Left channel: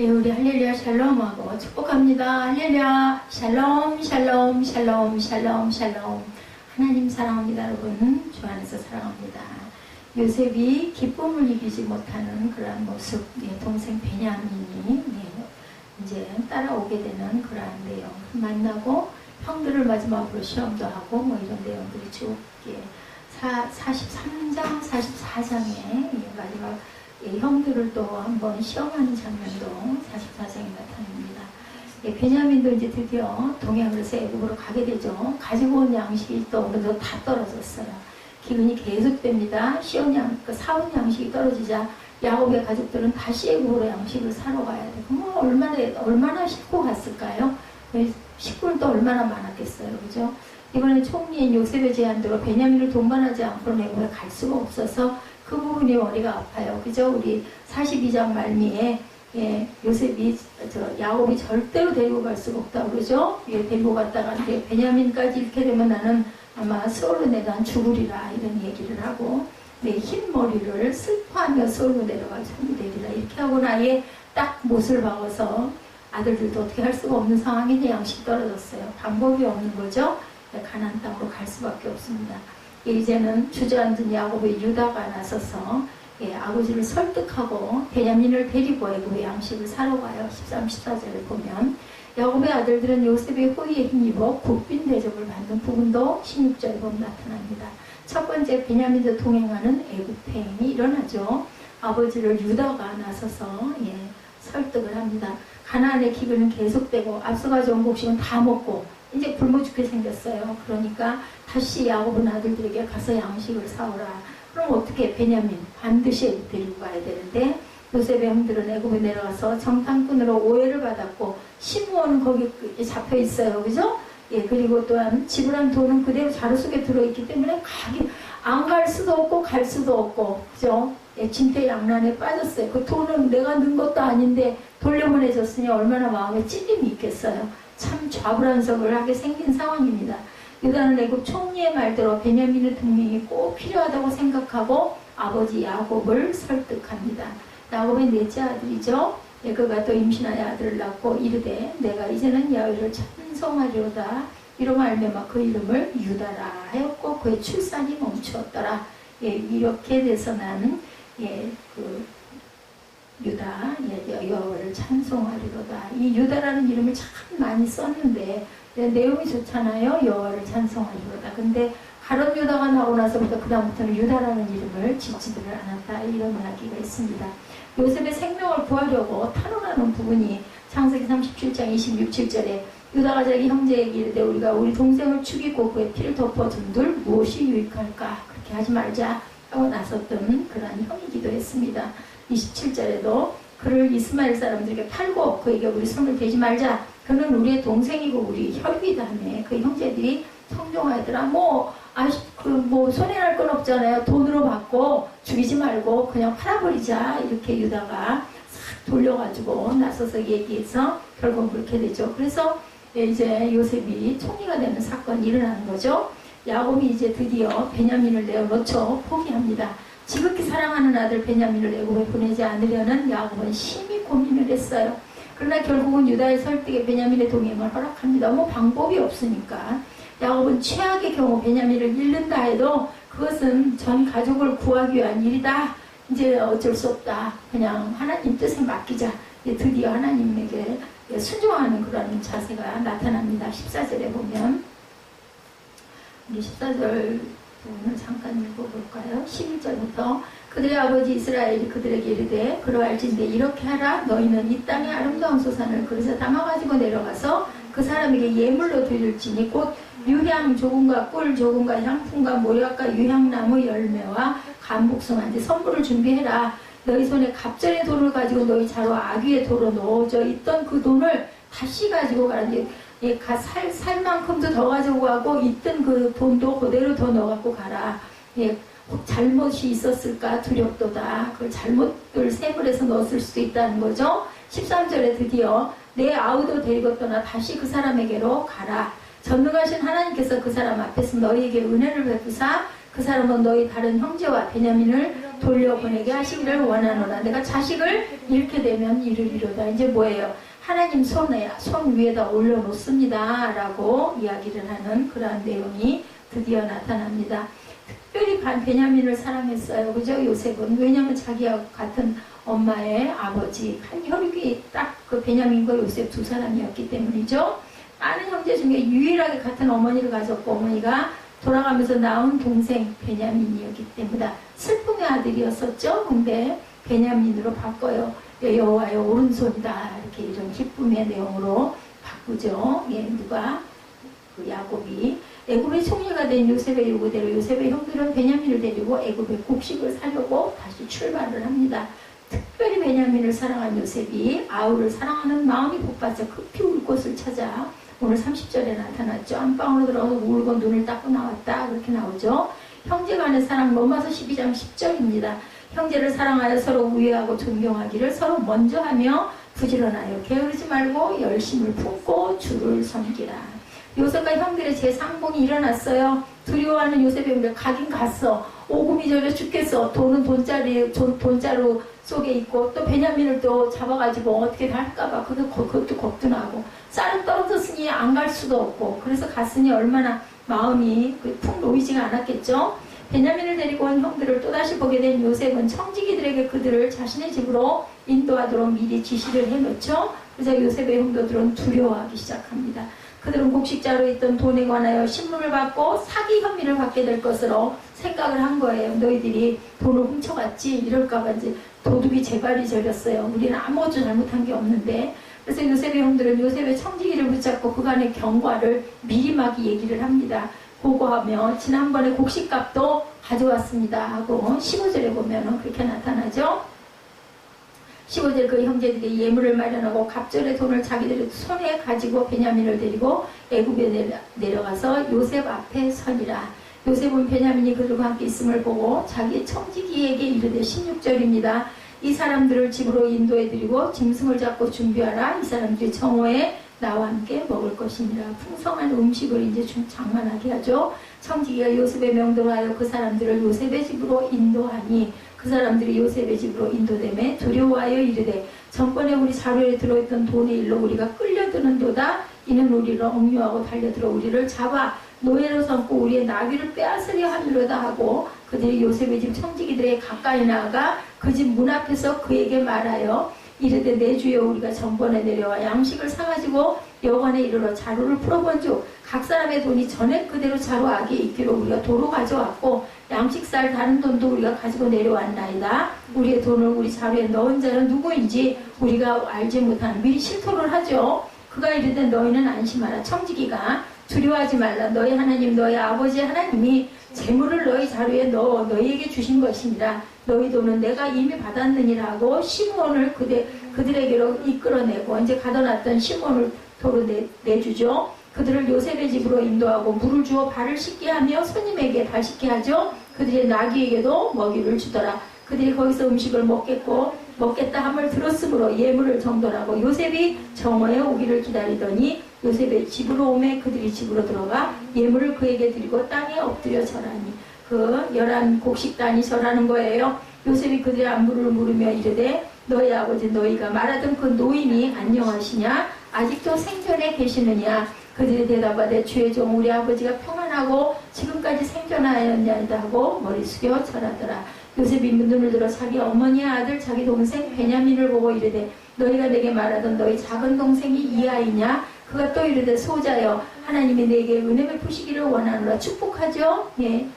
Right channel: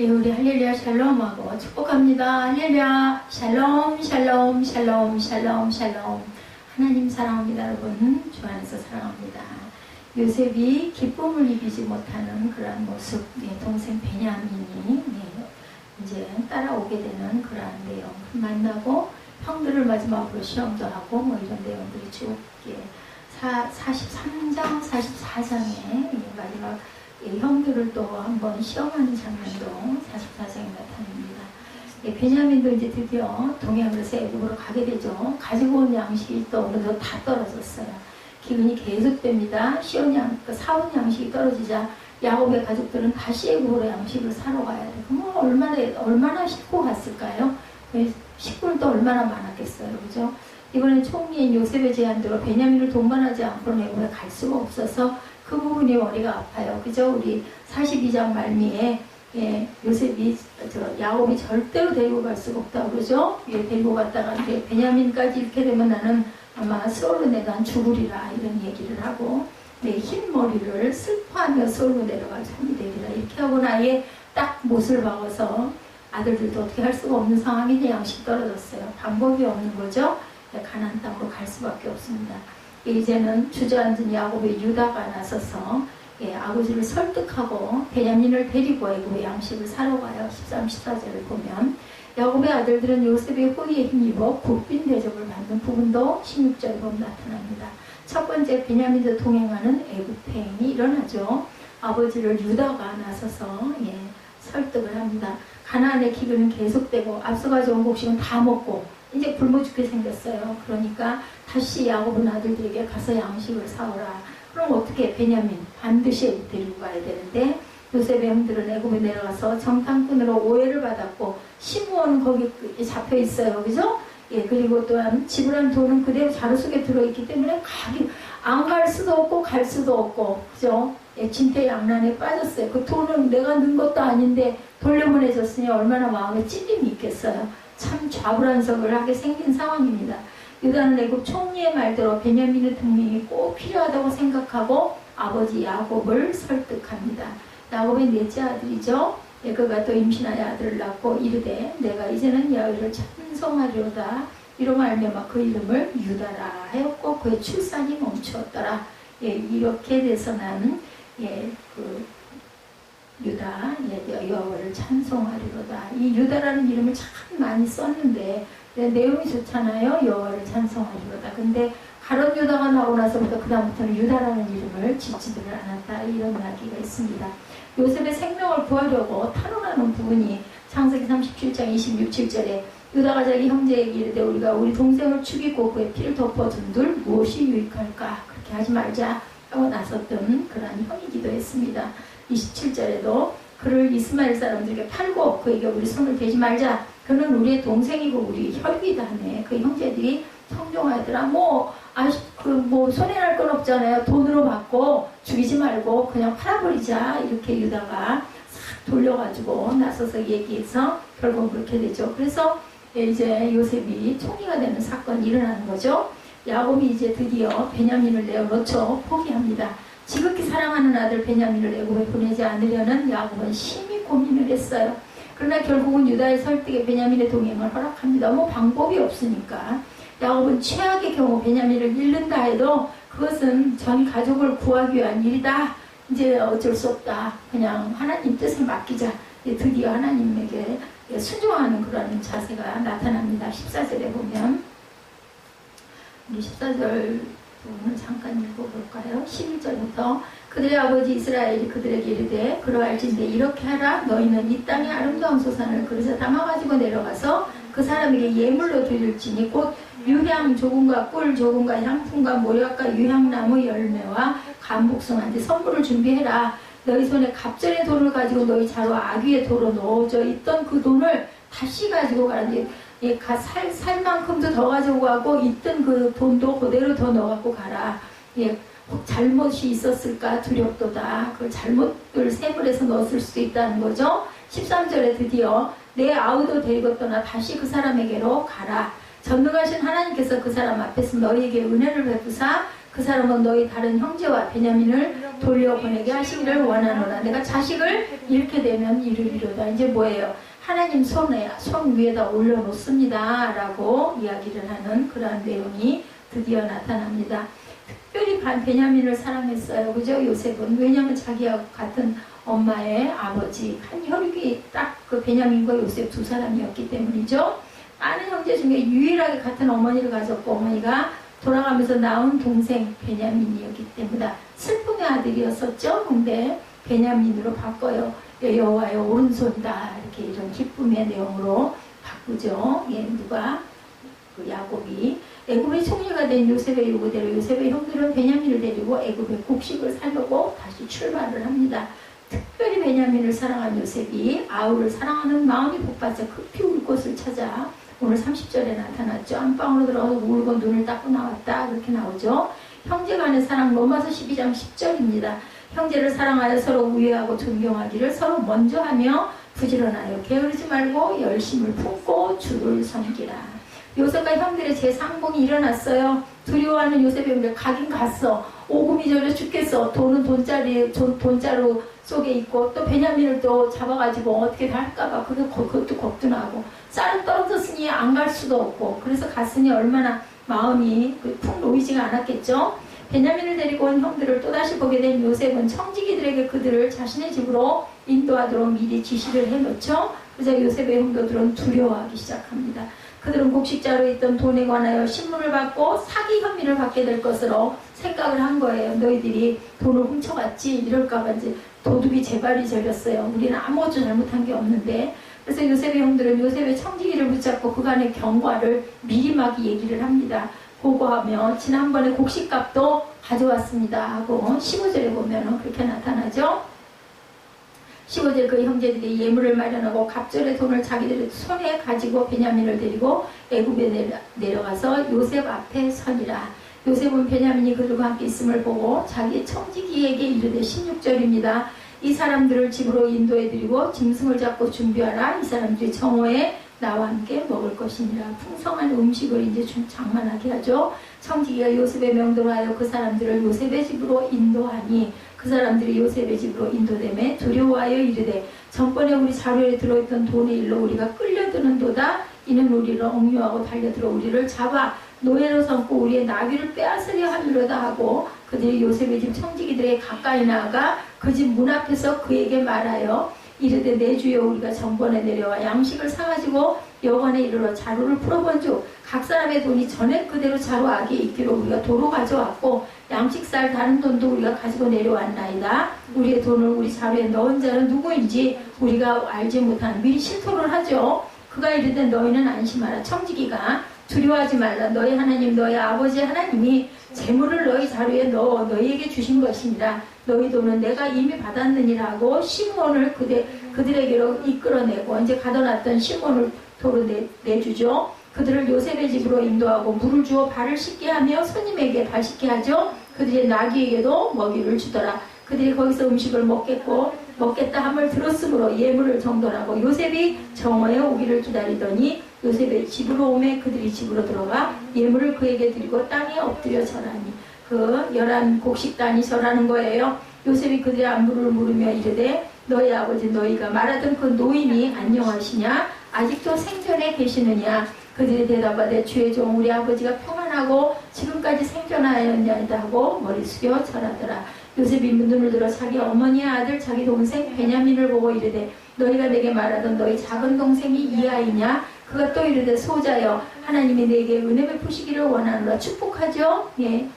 예, 우리 할렐루야 샬롬하고 축복합니다. 할렐루야 샬롬 샬롬 샬롬 샬롬 샬롬. 하나님 사랑합니다. 여러분 주 안에서 사랑합니다. 요셉이 기쁨을 이기지 못하는 그러한 모습, 동생 베냐민이 이제 따라오게 되는 그러한 내용 만나고 형들을 마지막으로 시험도 하고 이런 내용들이 쭉 43장 44장에 마지막 형들을 또 한번 시험하는 장면도 44장에 나타납니다. 베냐민도 이제 드디어 동행을 해서 애굽으로 가게 되죠. 가지고 온 양식이 또 어느 정도 다 떨어졌어요. 기근이 계속됩니다. 사온 양식이 떨어지자 야곱의 가족들은 다시 애굽으로 양식을 사러 가야 돼. 그럼 얼마나 싣고 갔을까요? 식구는 또 얼마나 많았겠어요, 그죠? 이번에 총리인 요셉의 제안대로 베냐민을 동반하지 않고는 애굽에 갈 수가 없어서 그 부분이 머리가 아파요. 그죠? 우리 42장 말미에 요셉이 야곱이 절대로 데리고 갈 수가 없다고 그러죠? 데리고 갔다가 베냐민까지 이렇게 되면 나는 아마 스올로 내가 죽으리라 이런 얘기를 하고 내 흰 머리를 슬퍼하며 스올로 내려가 손이 되리라 이렇게 하고 나에 딱 못을 박아서 아들들도 어떻게 할 수가 없는 상황인데 양식이 떨어졌어요. 방법이 없는 거죠. 가나안 땅으로 갈 수밖에 없습니다. 이제는 주저앉은 야곱의 유다가 나서서 아버지를 설득하고 베냐민을 데리고 애굽의 양식을 사러 가요. 13, 14절을 보면 야곱의 아들들은 요셉의 호의에 힘입어 국빈 대접을 받는 부분도 16절에 보면 나타납니다. 첫 번째 베냐민과 동행하는 애굽행이 일어나죠. 아버지를 유다가 나서서 설득을 합니다. 가나안의 기근은 계속되고 앞서 가져온 곡식은 다 먹고 이제 굶어 죽게 생겼어요. 그러니까 다시 야곱은 아들들에게 가서 양식을 사오라. 그럼 어떻게 베냐민 반드시 데리고 가야 되는데 요셉의 형들은 애굽에 내려가서 정탐꾼으로 오해를 받았고 시므온은 거기 잡혀 있어요. 그죠? 그리고 또한 지불한 돈은 그대로 자루 속에 들어있기 때문에 안 갈 수도 없고 갈 수도 없고 그죠? 진퇴양난에 빠졌어요. 그 돈은 내가 넣은 것도 아닌데 돌려보내줬으니 얼마나 마음에 찔림이 있겠어요. 참 좌불안석을 하게 생긴 상황입니다. 유다는 애굽 총리의 말대로 베냐민의 동행이 꼭 필요하다고 생각하고 아버지 야곱을 설득합니다. 야곱의 넷째 아들이죠. 그가 또 임신하여 아들을 낳고 이르되 내가 이제는 야훼를 찬송하리로다. 이로 말미암아 그 이름을 유다라 하였고 그의 출산이 멈추었더라. 이렇게 돼서 나는 그 유다 여호와를 찬송하리로다. 이 유다라는 이름을 참 많이 썼는데 내용이 좋잖아요. 여호와를 찬송하리로다. 근데 가룟 유다가 나오고 나서부터 그 다음부터는 유다라는 이름을 짓지들을 않았다. 이런 이야기가 있습니다. 요셉의 생명을 구하려고 탄원하는 부분이 창세기 37장 26절에 유다가 자기 형제에게 이르되 우리가 우리 동생을 죽이고 그의 피를 덮어둔들 무엇이 유익할까? 그렇게 하지 말자 하고 나섰던 그러한 형이기도 했습니다. 27절에도 그를 이스마엘 사람들에게 팔고 그에게 우리 손을 대지 말자. 그는 우리의 동생이고 우리 혈육이다 하네. 그 형제들이 성종하더라. 손해날 건 없잖아요. 돈으로 받고 죽이지 말고 그냥 팔아버리자. 이렇게 유다가 싹 돌려가지고 나서서 얘기해서 결국 그렇게 되죠. 그래서 이제 요셉이 총리가 되는 사건이 일어나는 거죠. 야곱이 이제 드디어 베냐민을 내어놓죠. 포기합니다. 지극히 사랑하는 아들 베냐민을 애굽에 보내지 않으려는 야곱은 심히 고민을 했어요. 그러나 결국은 유다의 설득에 베냐민의 동행을 허락합니다. 방법이 없으니까. 야곱은 최악의 경우 베냐민을 잃는다 해도 그것은 전 가족을 구하기 위한 일이다. 이제 어쩔 수 없다. 그냥 하나님 뜻에 맡기자. 드디어 하나님에게 순종하는 그런 자세가 나타납니다. 14절에 보면 우리 14절 부분을 잠깐 읽어볼까요? 11절부터 그들의 아버지 이스라엘이 그들에게 이르되 그러할진대 이렇게 하라. 너희는 이 땅의 아름다운 소산을 그릇에 담아가지고 내려가서 그 사람에게 예물로 드릴지니 곧 유향 조금과 꿀 조금과 향품과 모략과 유향나무 열매와 감복숭아한테 선물을 준비해라. 너희 손에 갑절의 돌을 가지고 너희 자루 아귀의 도로 넣어져 있던 그 돈을 다시 가지고 가라. 살만큼도 더 가지고 가고 있던 그 돈도 그대로 더 넣어갖고 가라. 혹 잘못이 있었을까 두렵도다. 그 잘못을 세벌해서 넣었을 수도 있다는 거죠. 13절에 드디어 내 아우도 데리고 떠나 다시 그 사람에게로 가라. 전능하신 하나님께서 그 사람 앞에서 너희에게 은혜를 베푸사 그 사람은 너희 다른 형제와 베냐민을 돌려보내게 하시기를 원하노라. 내가 자식을 잃게 되면 이르리로다. 이제 뭐예요? 하나님 손 위에다 올려놓습니다 라고 이야기를 하는 그러한 내용이 드디어 나타납니다. 특별히 베냐민을 사랑했어요. 그죠? 요셉은. 왜냐하면 자기와 같은 엄마의 아버지, 한 혈육이 딱 그 베냐민과 요셉 두 사람이었기 때문이죠. 많은 형제 중에 유일하게 같은 어머니를 가졌고 어머니가 돌아가면서 낳은 동생 베냐민이었기 때문에 슬픔의 아들이었었죠. 근데 베냐민으로 바꿔요. 여호와의 오른손이다. 이렇게 이런 기쁨의 내용으로 바꾸죠. 예, 누가? 그 야곱이. 애굽의 총리가 된 요셉의 요구대로 요셉의 형들은 베냐민을 데리고 애굽의 곡식을 사려고 다시 출발을 합니다. 특별히 베냐민을 사랑한 요셉이 아우를 사랑하는 마음이 복받쳐 급히 울 곳을 찾아 오늘 30절에 나타났죠. 안방으로 들어가서 울고 눈을 닦고 나왔다. 그렇게 나오죠. 형제 간의 사랑 로마서 12장 10절입니다. 형제를 사랑하여 서로 우애하고 존경하기를 서로 먼저 하며 부지런하여 게으르지 말고 열심을 품고 주를 섬기라. 요셉과 형들의 재상봉이 일어났어요. 두려워하는 요셉의 형들 가긴 갔어. 오금이 저려 죽겠어. 돈은 돈자루 속에 있고 또 베냐민을 또 잡아가지고 어떻게 다 할까봐 그것도 겁도 나고 쌀은 떨어졌으니 안 갈 수도 없고 그래서 갔으니 얼마나 마음이 푹 놓이지가 않았겠죠. 베냐민을 데리고 온 형들을 또다시 보게 된 요셉은 청지기들에게 그들을 자신의 집으로 인도하도록 미리 지시를 해놓죠. 그래서 요셉의 형들은 두려워하기 시작합니다. 그들은 곡식자로 있던 돈에 관하여 신문을 받고 사기 혐의를 받게 될 것으로 생각을 한 거예요. 너희들이 돈을 훔쳐갔지 이럴까봐 이제 도둑이 재발이 저렸어요. 우리는 아무것도 잘못한 게 없는데. 그래서 요셉의 형들은 요셉의 청지기를 붙잡고 그간의 경과를 미리 막 얘기를 합니다. 보고하며 지난번에 곡식값도 가져왔습니다 하고 15절에 보면 그렇게 나타나죠. 15절 그 형제들이 예물을 마련하고 갑절의 돈을 자기들의 손에 가지고 베냐민을 데리고 애굽에 내려가서 요셉 앞에 서니라. 요셉은 베냐민이 그들과 함께 있음을 보고 자기 청지기에게 이르되 16절입니다. 이 사람들을 집으로 인도해드리고 짐승을 잡고 준비하라. 이 사람들이 정오에 나와 함께 먹을 것이니라. 풍성한 음식을 이제 장만하게 하죠. 청지기가 요셉의 명도로 하여 그 사람들을 요셉의 집으로 인도하니 그 사람들이 요셉의 집으로 인도되매 두려워하여 이르되 전번에 우리 자루에 들어있던 돈의 일로 우리가 끌려드는도다. 이는 우리를 억류하고 달려들어 우리를 잡아 노예로 삼고 우리의 나귀를 빼앗으려 하미로다 하고 그들이 요셉의 집 청지기들에게 가까이 나아가 그 집 문 앞에서 그에게 말하여 이르되 내 주여 우리가 전번에 내려와 양식을 사가지고 여관에 이르러 자루를 풀어본즉 각 사람의 돈이 전에 그대로 자루 안에 있기로 우리가 도로 가져왔고 양식 살 다른 돈도 우리가 가지고 내려왔나이다. 우리의 돈을 우리 자루에 넣은 자는 누구인지 우리가 알지 못한 미리 실토를 하죠. 그가 이르되 너희는 안심하라. 청지기가 두려워하지 말라. 너희 하나님 너희 아버지 하나님이 재물을 너희 자루에 넣어 너희에게 주신 것이니라. 너희 돈은 내가 이미 받았느니라 하고 시몬을 그들에게로 이끌어내고 이제 가둬놨던 시몬을 도로 내주죠. 그들을 요셉의 집으로 인도하고 물을 주어 발을 씻게 하며 손님에게 발 씻게 하죠. 그들의 나귀에게도 먹이를 주더라. 그들이 거기서 음식을 먹겠다 함을 들었으므로 예물을 정돈하고 요셉이 정오에 오기를 기다리더니 요셉의 집으로 오매 그들이 집으로 들어가 예물을 그에게 드리고 땅에 엎드려 절하니 그 11곡식단이 절하는 거예요. 요셉이 그들의 안부를 물으며 이르되 너희 아버지 너희가 말하던 그 노인이 안녕하시냐? 아직도 생전에 계시느냐? 그들이 대답하되 주의 종 우리 아버지가 평안하고 지금까지 생존하였냐이다 하고 머리 숙여 절하더라. 요셉이 눈을 들어 자기 어머니의 아들 자기 동생 베냐민을 보고 이르되 너희가 내게 말하던 너희 작은 동생이 이 아이냐? 그가 또 이르되 소자여 하나님이 내게 은혜 베푸시기를 원하노라. 축복하죠. 예.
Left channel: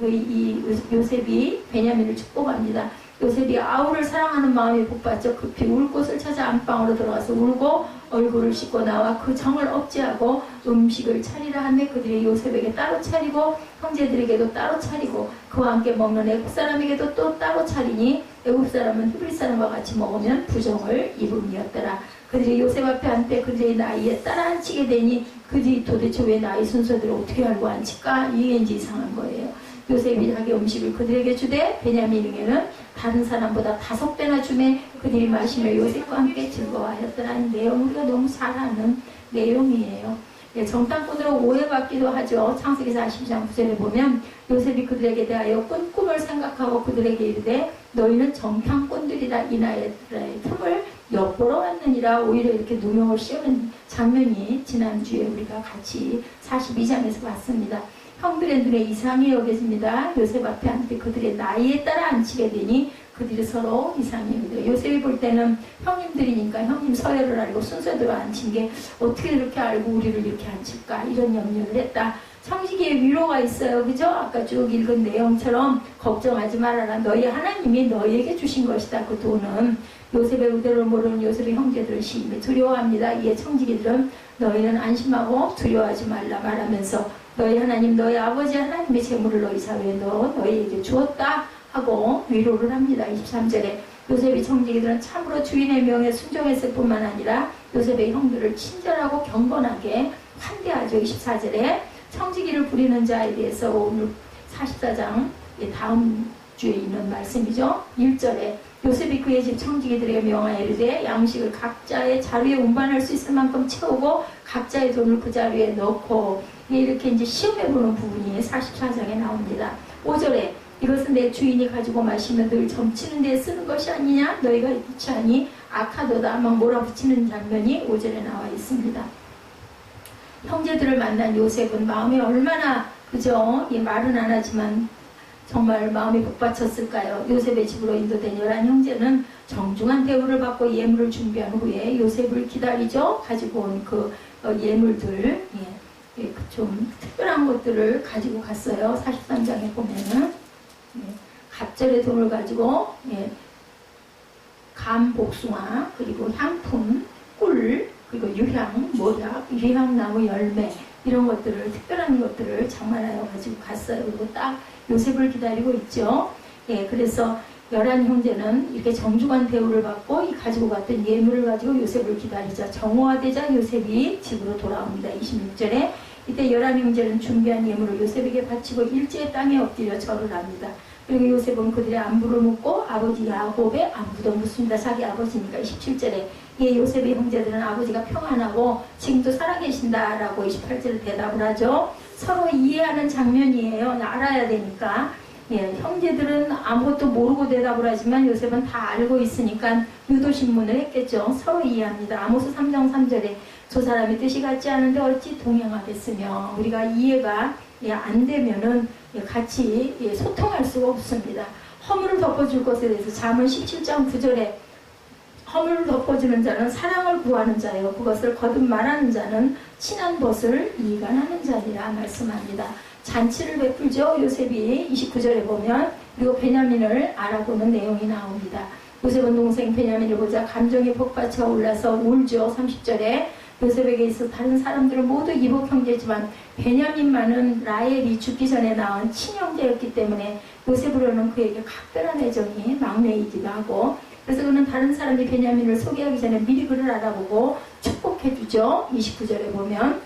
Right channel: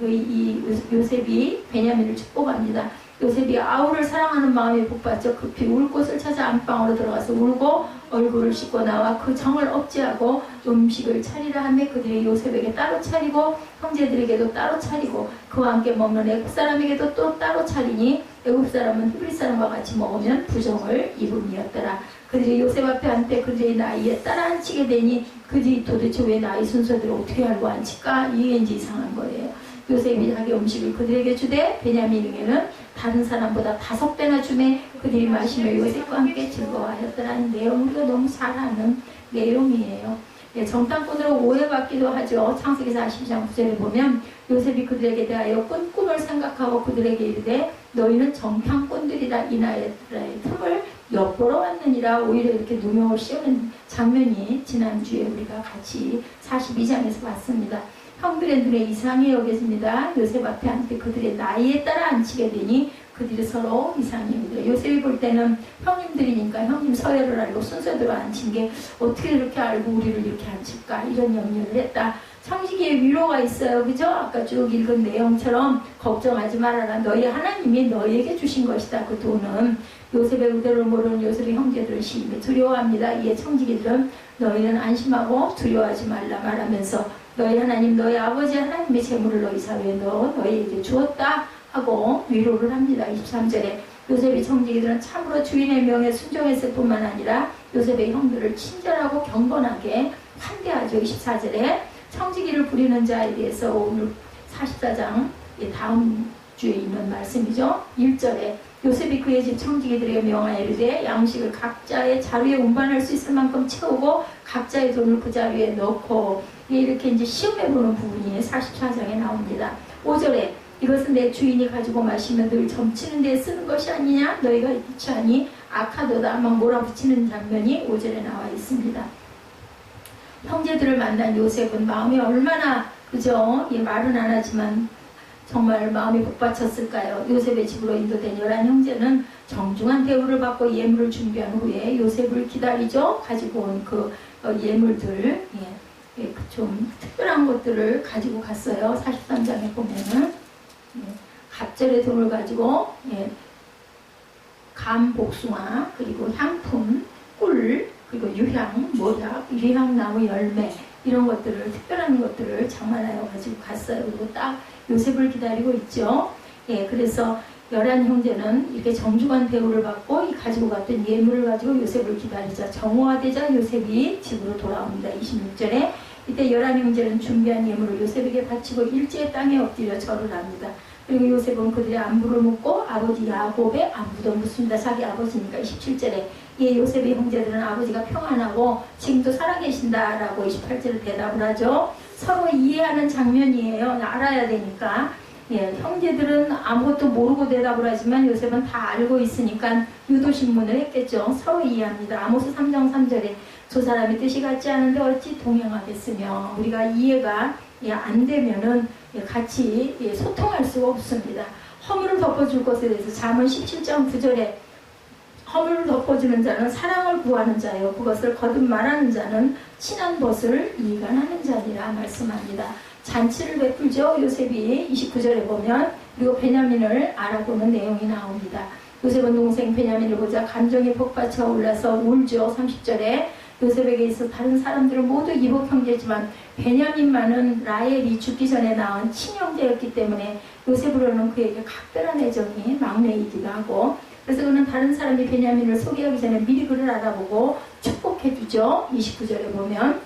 이 요셉이 베냐민을 축복합니다. 요셉이 아우를 사랑하는 마음이 복받쳐 급히 울 곳을 찾아 안방으로 들어가서 울고 얼굴을 씻고 나와 그 정을 억제하고 음식을 차리라 하며 그들이 요셉에게 따로 차리고 형제들에게도 따로 차리고 그와 함께 먹는 애굽 사람에게도 또 따로 차리니 애굽 사람은 히브리 사람과 같이 먹으면 부정을 입음이었더라. 그들이 요셉 앞에 앉되 그들의 나이에 따라 앉히게 되니 그들이 도대체 왜 나이 순서대로 어떻게 알고 앉힐까? 이게 이제 이상한 거예요. 요셉이 자기 음식을 그들에게 주되 베냐민에게는 다른 사람보다 5배나 주매 그들이 마시며 요셉과 함께 즐거워하였더라는 내용 우리가 너무 잘 아는 내용이에요. 정탐꾼으로 오해받기도 하죠. 창세기 42장 9절에 보면 요셉이 그들에게 대하여 꿈을 생각하고 그들에게 이르되 너희는 정탐꾼들이라 이나라의 틈을 엿보러 왔느니라. 오히려 이렇게 누명을 씌우는 장면이 지난주에 우리가 같이 42장에서 봤습니다. 형들의 눈에 이상히 여겨집니다. 요셉 앞에 앉게 그들의 나이에 따라 앉히게 되니 그들이 서로 이상히 여기더라. 요셉이 볼 때는 형님들이니까 형님 서열을 알고 순서대로 앉힌 게 어떻게 이렇게 알고 우리를 이렇게 앉힐까 이런 염려를 했다. 청지기에 위로가 있어요. 그죠? 아까 쭉 읽은 내용처럼 걱정하지 말아라. 너희 하나님이 너희에게 주신 것이다. 그 돈은 요셉의 의도를 모르는 요셉의 형제들은 심히 두려워합니다. 이에 청지기들은 너희는 안심하고 두려워하지 말라 말하면서 너희 하나님 너희 아버지 하나님의 재물을 너희 사회에 너희에게 주었다 하고 위로를 합니다. 23절에 요셉의 청지기들은 참으로 주인의 명에 순종했을 뿐만 아니라 요셉의 형들을 친절하고 경건하게 환대하죠. 24절에 청지기를 부리는 자에 대해서 오늘 44장 다음 주에 있는 말씀이죠. 1절에 요셉이 그의 집 청지기들에게 명하여 이르되 양식을 각자의 자루에 운반할 수 있을 만큼 채우고 각자의 돈을 그 자루에 넣고 이렇게 이제 시험해보는 부분이 44장에 나옵니다. 5절에 이것은 내 주인이 가지고 마시면 늘 점치는 데 쓰는 것이 아니냐 너희가 이렇지 하니 악하도다 막 몰아붙이는 장면이 5절에 나와 있습니다. 형제들을 만난 요셉은 마음이 얼마나 그죠? 말은 안 하지만 정말 마음이 복받쳤을까요? 요셉의 집으로 인도된 11형제는 정중한 대우를 받고 예물을 준비한 후에 요셉을 기다리죠. 가지고 온 그 예물들 좀 특별한 것들을 가지고 갔어요. 43장에 보면은 갑절의 돈을 가지고 감, 복숭아, 그리고 향품, 꿀, 그리고 유향, 모략, 유향나무 열매 이런 것들을 특별한 것들을 장만하여 가지고 갔어요. 그리고 딱 요셉을 기다리고 있죠. 그래서 11형제는 이렇게 정중한 대우를 받고 이 가지고 갔던 예물을 가지고 요셉을 기다리자 정오화되자 요셉이 집으로 돌아옵니다. 26절에 이때 11형제는 준비한 예물을 요셉에게 바치고 일제의 땅에 엎드려 절을 합니다. 그리고 요셉은 그들의 안부를 묻고 아버지 야곱의 안부도 묻습니다. 자기 아버지니까. 27절에 요셉의 형제들은 아버지가 평안하고 지금도 살아계신다라고 28절에 대답을 하죠. 서로 이해하는 장면이에요. 알아야 되니까. 형제들은 아무것도 모르고 대답을 하지만 요셉은 다 알고 있으니까 유도신문을 했겠죠. 서로 이해합니다. 아모스 3장 3절에 저 사람이 뜻이 같지 않은데 어찌 동행하겠으며 우리가 이해가 안 되면은 같이 소통할 수가 없습니다. 허물을 덮어줄 것에 대해서 잠언 17장 9절에 허물을 덮어주는 자는 사랑을 구하는 자요 그것을 거듭 말하는 자는 친한 것을 이간하는 자니라 말씀합니다. 잔치를 베풀죠. 요셉이 29절에 보면 그리고 베냐민을 알아보는 내용이 나옵니다. 요셉은 동생 베냐민을 보자 감정이 복받쳐 올라서 울죠. 30절에 요셉에게 있어 다른 사람들은 모두 이복 형제지만 베냐민만은 라헬이 죽기 전에 낳은 친형제였기 때문에 요셉으로는 그에게 각별한 애정이 막내이기도 하고 그래서 그는 다른 사람이 베냐민을 소개하기 전에 미리 그를 알아보고 축복해주죠. 29절에 보면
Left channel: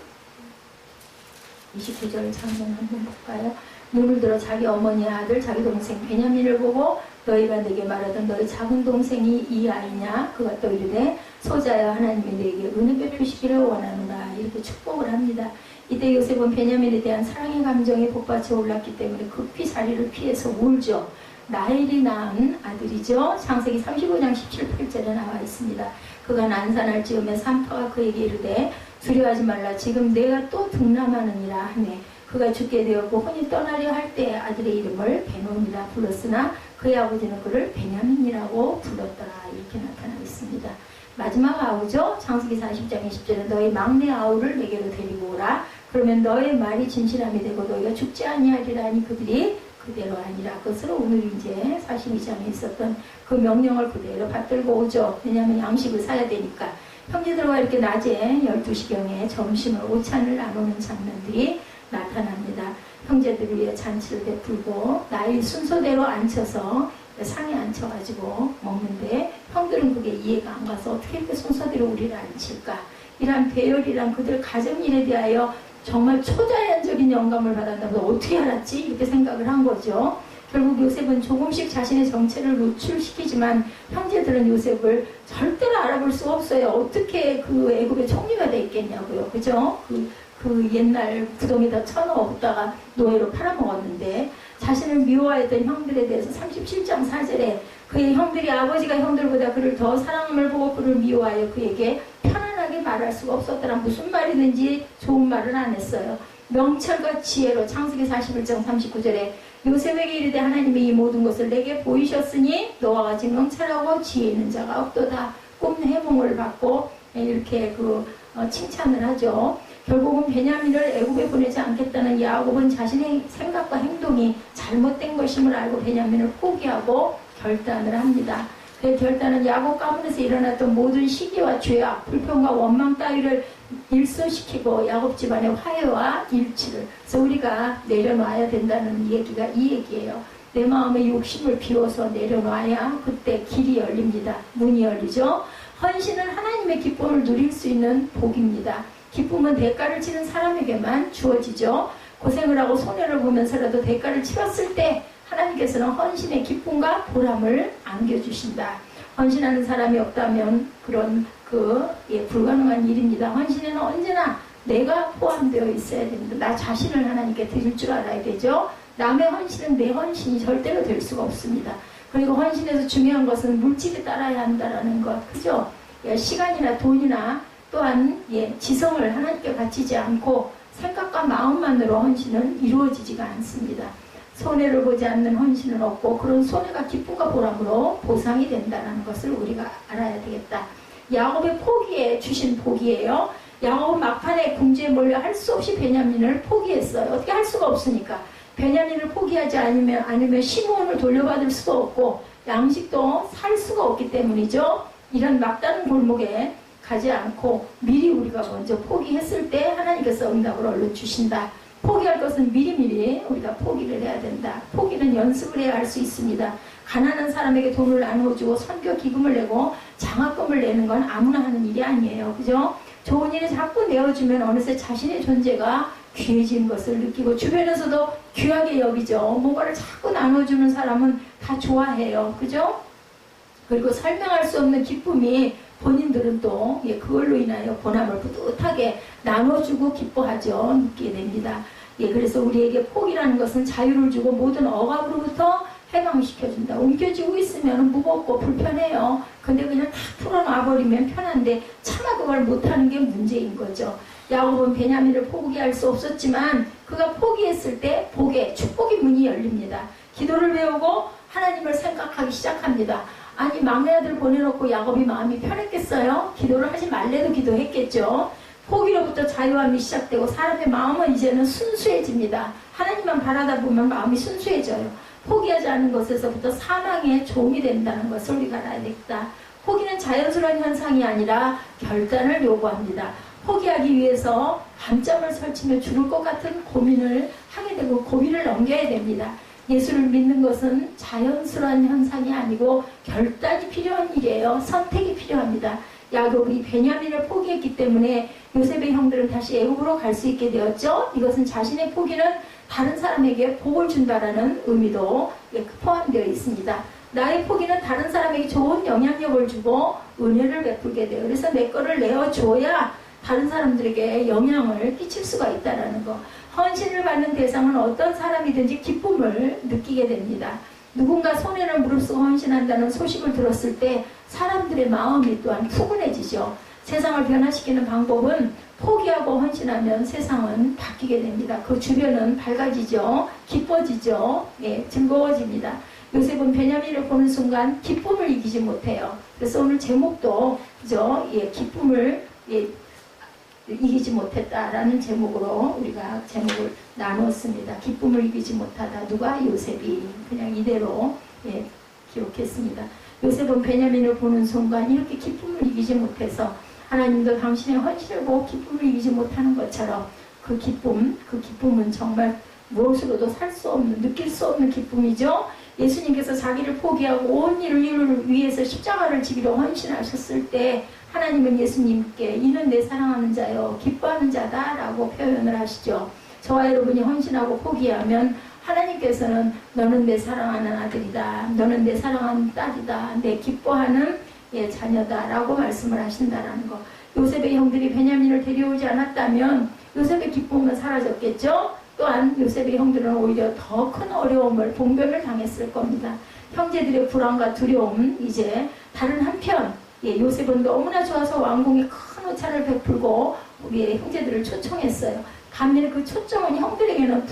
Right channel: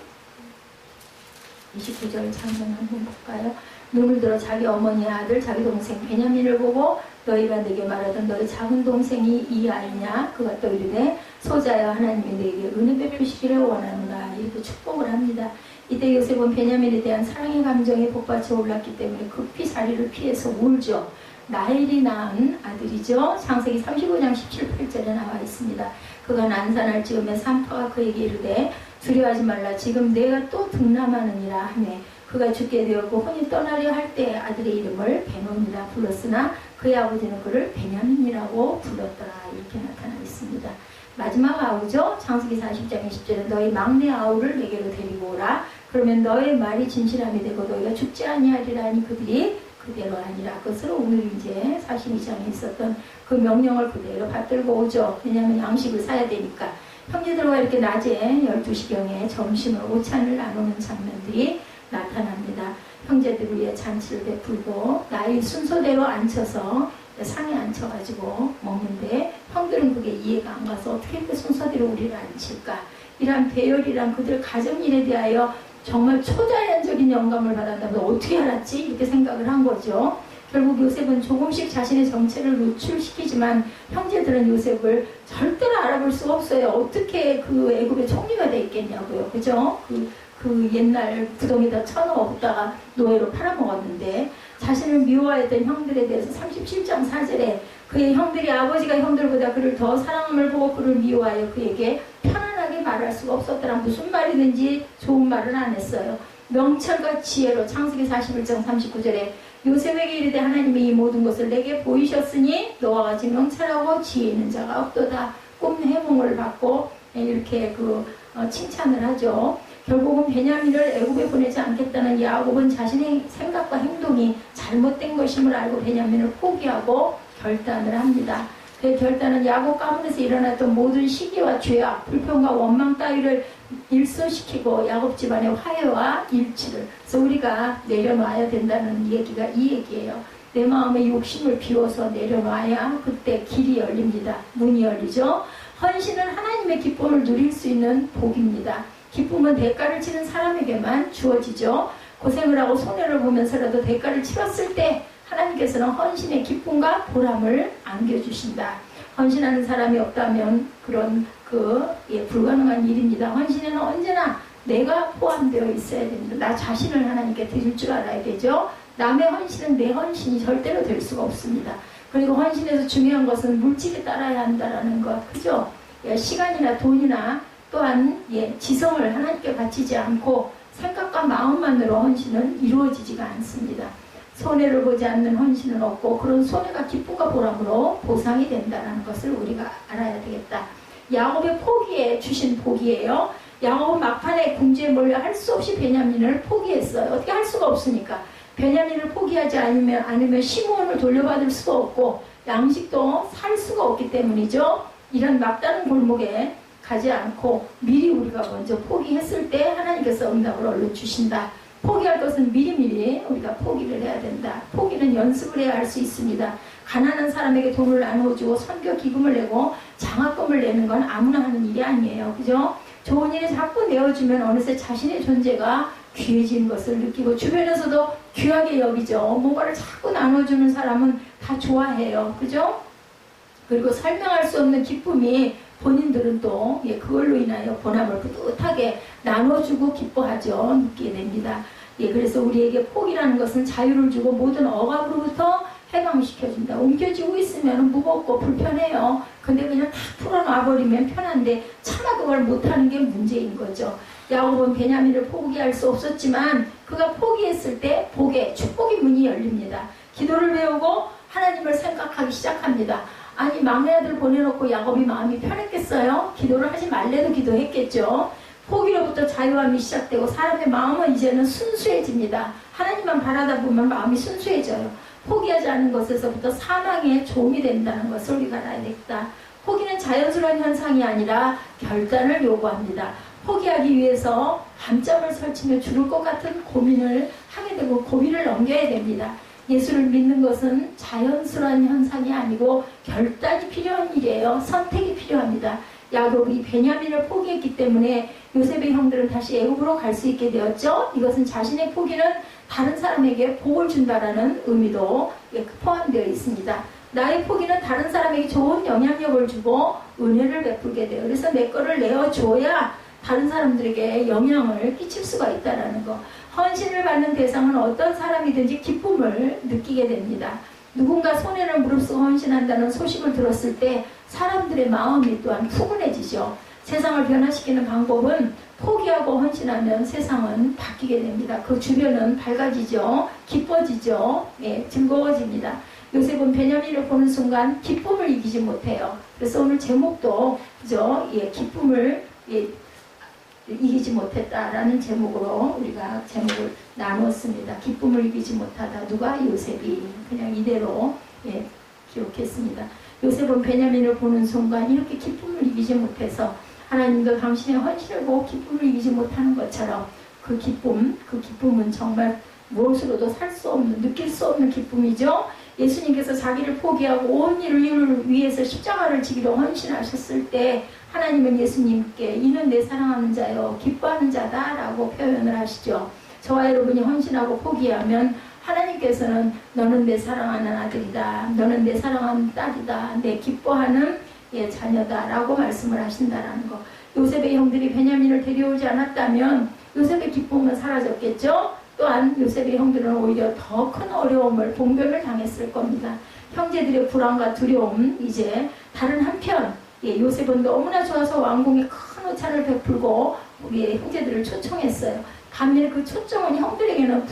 29절 장면 한번 볼까요? 눈을 들어 자기 어머니의 아들 자기 동생 베냐민을 보고 너희가 내게 말하던 너희 작은 동생이 이 아이냐? 그가 또 이르되 소자여 하나님이 내게 은혜 베푸시기를 원하노라 이렇게 축복을 합니다. 이때 요셉은 베냐민에 대한 사랑의 감정이 복받쳐 올랐기 때문에 급히 자리를 피해서 울죠. 라헬이 낳은 아들이죠. 창세기 35장 17, 8절에 나와 있습니다. 그가 난산할 즈음에 산파가 그에게 이르되 두려워하지 말라 지금 내가 또 등남하느니라 하매 그가 죽게 되었고 혼이 떠나려 할 때 아들의 이름을 베논이라 불렀으나 그의 아버지는 그를 베냐민이라고 불렀더라 이렇게 나타나 있습니다. 마지막 아우죠. 창세기 40장 20절에 너희 막내 아우를 내게로 데리고 오라 그러면 너의 말이 진실함이 되고 너희가 죽지 아니하리라 하니 그들이 그대로 아니라 그것을 오늘 이제 42장에 있었던 그 명령을 그대로 받들고 오죠. 왜냐하면 양식을 사야 되니까. 형제들과 이렇게 낮에 12시경에 점심을 오찬을 나누는 장면들이 나타납니다. 형제들을 위해 잔치를 베풀고 나이 순서대로 앉혀서 상에 앉혀가지고 먹는데 형들은 그게 이해가 안 가서 어떻게 그 순서대로 우리를 앉힐까 이런 배열이란 그들 가정일에 대하여 정말 초자연적인 영감을 받았다면 어떻게 알았지? 이렇게 생각을 한 거죠. 결국 요셉은 조금씩 자신의 정체를 노출시키지만 형제들은 요셉을 절대로 알아볼 수 없어요. 어떻게 그 애굽의 총리가 돼 있겠냐고요. 그죠? 그 옛날 구덩이다 쳐넣었다가 노예로 팔아먹었는데 자신을 미워했던 형들에 대해서 37장 4절에 그의 형들이 아버지가 형들보다 그를 더 사랑함을 보고 그를 미워하여 그에게 편안하게 말할 수가 없었더라. 무슨 말이든지 좋은 말은 안 했어요. 명철과 지혜로 창세기 41장 39절에 요셉에게 이르되 하나님이 이 모든 것을 내게 보이셨으니 너와 같이 명철하고 지혜 있는 자가 없도다. 꿈 해몽을 받고 이렇게 칭찬을 하죠. 결국은 베냐민을 애굽에 보내지 않겠다는 야곱은 자신의 생각과 행동이 잘못된 것임을 알고 베냐민을 포기하고 결단을 합니다. 그 결단은 야곱 가문에서 일어났던 모든 시기와 죄악, 불평과 원망 따위를 일소시키고 야곱 집안의 화해와 일치를, 그래서 우리가 내려놔야 된다는 얘기가 이 얘기예요. 내 마음의 욕심을 비워서 내려놔야 그때 길이 열립니다. 문이 열리죠. 헌신은 하나님의 기쁨을 누릴 수 있는 복입니다. 기쁨은 대가를 치는 사람에게만 주어지죠. 고생을 하고 손해를 보면서라도 대가를 치렀을 때 하나님께서는 헌신의 기쁨과 보람을 안겨주신다. 헌신하는 사람이 없다면 그런 불가능한 일입니다. 헌신에는 언제나 내가 포함되어 있어야 됩니다. 나 자신을 하나님께 드릴 줄 알아야 되죠. 남의 헌신은 내 헌신이 절대로 될 수가 없습니다. 그리고 헌신에서 중요한 것은 물질이 따라야 한다는 것, 그죠? 시간이나 돈이나 또한 지성을 하나님께 바치지 않고 생각과 마음만으로 헌신은 이루어지지가 않습니다. 손해를 보지 않는 헌신은 없고 그런 손해가 기쁨과 보람으로 보상이 된다는 것을 우리가 알아야 되겠다. 야곱의 포기에 주신 복이에요. 야곱은 막판에 궁지에 몰려 할 수 없이 베냐민을 포기했어요. 어떻게 할 수가 없으니까. 베냐민을 포기하지 않으면 시므온을 돌려받을 수도 없고 양식도 살 수가 없기 때문이죠. 이런 막다른 골목에 가지 않고 미리 우리가 먼저 포기했을 때 하나님께서 응답을 얼른 주신다. 포기할 것은 미리미리 우리가 포기를 해야 된다. 포기는 연습을 해야 할 수 있습니다. 가난한 사람에게 돈을 나누어주고 선교 기금을 내고 장학금을 내는 건 아무나 하는 일이 아니에요. 그죠? 좋은 일에 자꾸 내어주면 어느새 자신의 존재가 귀해진 것을 느끼고 주변에서도 귀하게 여기죠. 뭔가를 자꾸 나눠주는 사람은 다 좋아해요. 그죠? 그리고 설명할 수 없는 기쁨이 본인들은 또 그걸로 인하여 보람을 뿌듯하게 나눠주고 기뻐하죠. 느끼게 됩니다. 그래서 우리에게 복이라는 것은 자유를 주고 모든 억압으로부터 해방시켜준다. 옮겨지고 있으면 무겁고 불편해요. 근데 그냥 다 풀어놔버리면 편한데 차마 그걸 못하는 게 문제인 거죠. 야곱은 베냐민을 포기할 수 없었지만 그가 포기했을 때 복의 축복의 문이 열립니다. 기도를 배우고 하나님을 생각하기 시작합니다. 아니 막내 아들 보내놓고 야곱이 마음이 편했겠어요? 기도를 하지 말래도 기도했겠죠. 포기로부터 자유함이 시작되고 사람의 마음은 이제는 순수해집니다. 하나님만 바라다 보면 마음이 순수해져요. 포기하지 않는 것에서부터 사망의 종이 된다는 것을 우리가 알아야 되겠다. 포기는 자연스러운 현상이 아니라 결단을 요구합니다. 포기하기 위해서 밤잠을 설치며 죽을 것 같은 고민을 하게 되고 고민을 넘겨야 됩니다. 예수를 믿는 것은 자연스러운 현상이 아니고 결단이 필요한 일이에요. 선택이 필요합니다. 야곱이 베냐민을 포기했기 때문에 요셉의 형들은 다시 애굽으로 갈 수 있게 되었죠. 이것은 자신의 포기는 다른 사람에게 복을 준다라는 의미도 포함되어 있습니다. 나의 포기는 다른 사람에게 좋은 영향력을 주고 은혜를 베풀게 돼요. 그래서 내 거를 내어줘야 다른 사람들에게 영향을 끼칠 수가 있다는 거. 헌신을 받는 대상은 어떤 사람이든지 기쁨을 느끼게 됩니다. 누군가 손해를 무릅쓰고 헌신한다는 소식을 들었을 때 사람들의 마음이 또한 푸근해지죠. 세상을 변화시키는 방법은 포기하고 헌신하면 세상은 바뀌게 됩니다. 그 주변은 밝아지죠. 기뻐지죠. 즐거워집니다. 요셉은 베냐민을 보는 순간 기쁨을 이기지 못해요. 그래서 오늘 제목도 그죠? 기쁨을 이기지 못했다라는 제목으로 우리가 제목을 나누었습니다. 기쁨을 이기지 못하다. 누가? 요셉이. 그냥 이대로 기록했습니다. 요셉은 베냐민을 보는 순간 이렇게 기쁨을 이기지 못해서 하나님도 당신의 헌신을 보고 기쁨을 이기지 못하는 것처럼 그 기쁨은 정말 무엇으로도 살 수 없는, 느낄 수 없는 기쁨이죠. 예수님께서 자기를 포기하고 온 인류를 위해서 십자가를 지기로 헌신하셨을 때 하나님은 예수님께 이는 내 사랑하는 자요 기뻐하는 자다 라고 표현을 하시죠. 저와 여러분이 헌신하고 포기하면 하나님께서는 너는 내 사랑하는 아들이다, 너는 내 사랑하는 딸이다, 내 기뻐하는 자녀다 라고 말씀을 하신다라는 거. 요셉의 형들이 베냐민을 데려오지 않았다면 요셉의 기쁨은 사라졌겠죠. 또한 요셉의 형들은 오히려 더 큰 어려움을, 봉변을 당했을 겁니다. 형제들의 불안과 두려움. 이제 다른 한편 요셉은 너무나 좋아서 왕궁에 큰 호찬을 베풀고 우리의 형제들을 초청했어요. 반면에 그 초청은 형들에게는